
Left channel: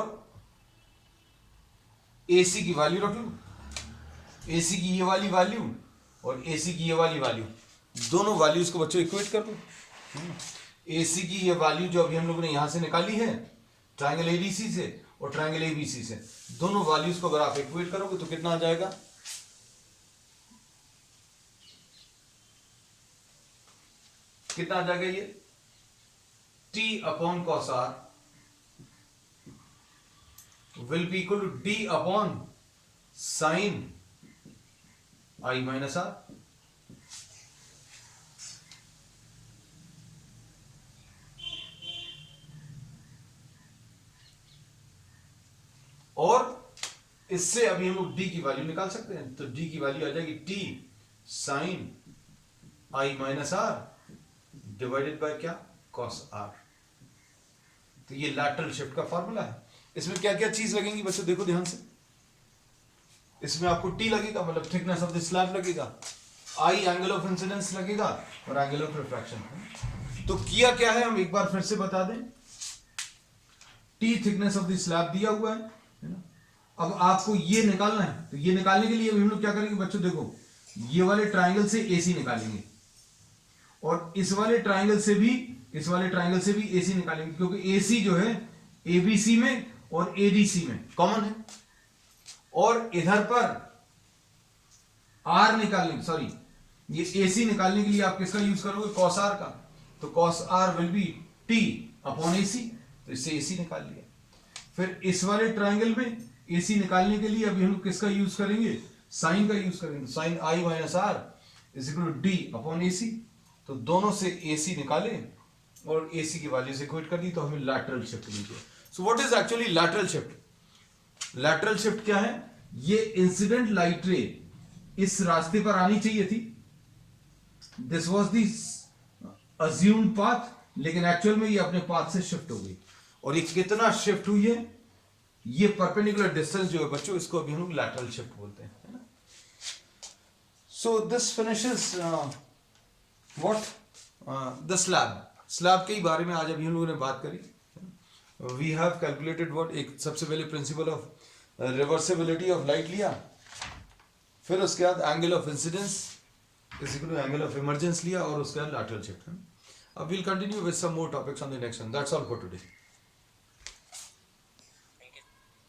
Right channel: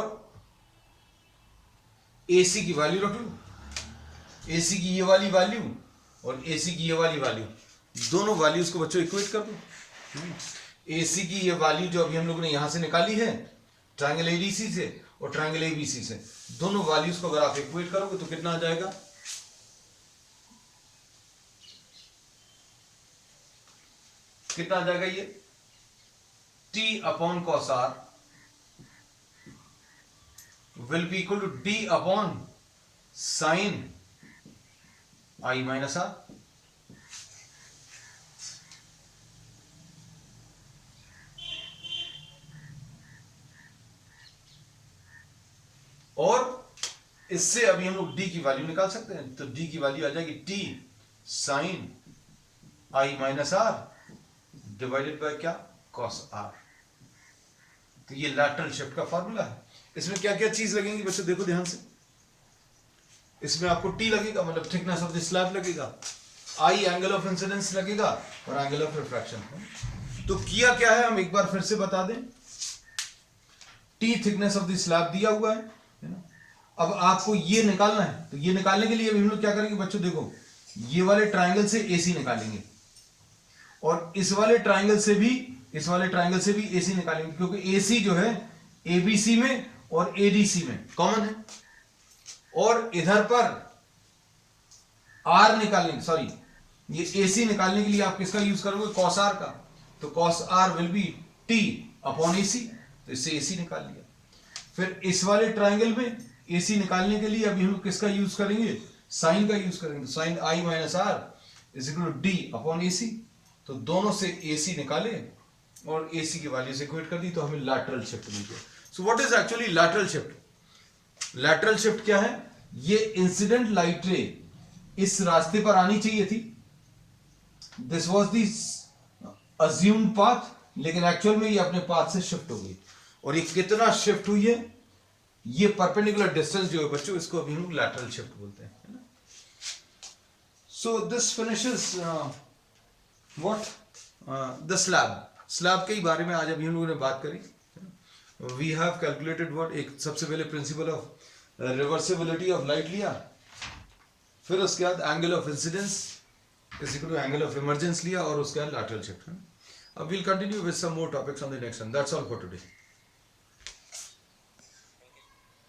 AC की वैल्यू रख लो, AC की ये वाली वैल्यू और AC की ये वाली वैल्यू, दोनों वैल्यूज को बच्चों इक्वेट कर दो। AC की ये वैल्यू जो अभी हम लोगों ने यहां से निकाली है ट्रायंगल एडीसी से और ट्रायंगल एबीसी से, दोनों वैल्यूज को अगर आप इक्वेट करोगे तो कितना आ जाएगा? कितना आ जाएगा? ये T upon cos R will be equal to D upon sine I minus R. और इससे अभी हम लोग D की वैल्यू निकाल सकते हैं। तो D की वैल्यू आ जाएगी T sine I minus R divided by क्या? Cos R. तो ये लैटरल शिफ्ट का फॉर्मूला है। इसमें क्या क्या चीज लगेंगी बच्चों, देखो ध्यान से। इसमें आपको T लगेगा, मतलब थिकनेस ऑफ द स्लैब लगेगा, I एंगल ऑफ इंसिडेंस लगेगा और एंगल ऑफ रिफ्रैक्शन। तो किया क्या है, हम एक बार फिर से बता दें। T thickness of the slab दिया हुआ है ना। अब आपको ये निकालना है, तो ये निकालने के लिए हम लोग क्या करेंगे बच्चों, देखो ये वाले ट्राइंगल से AC निकालेंगे और इस वाले ट्राइंगल से भी AC निकालेंगे, क्योंकि AC जो है ABC में और ADC में कॉमन है। और इधर पर R निकालने, सॉरी ये AC निकालने के लिए आप किसका यूज करोगे? कॉस R का। तो cos R will be T upon AC, तो इससे AC निकाल लिया। फिर इस वाले ट्राइंगल में AC निकालने के लिए अभी हम लोग किसका यूज करेंगे? साइन का यूज करेंगे। तो sine I minus R is equal to D upon AC। तो दोनों से AC निकाले और AC की वैल्यू से इक्वेट कर दी, तो हमें लैटरल शिफ्ट मिल गया। So what is actually lateral shift? Lateral shift क्या है? ये इंसिडेंट लाइट रे इस रास्ते पर आनी चाहिए थी, this was the assumed path, लेकिन एक्चुअल में ये अपने पाथ से शिफ्ट हो गई। और ये कितना शिफ्ट हुई है? ये परपेंडिकुलर डिस्टेंस जो है बच्चों, इसको अभी हम लोग लैटरल शिफ्ट बोलते हैं, है ना। So this finishes what the slab के बारे में आज अभी हम लोगों ने बात करी। वी हैव कैलकुलेटेड व्हाट, एक सबसे पहले principle of reversibility of light लिया, फिर उसके बाद angle of incidence is equal to angle of emergence लिया और उसके बाद लैटरल शिफ्ट। अब we'll continue with some more topics on the next one. That's all for today.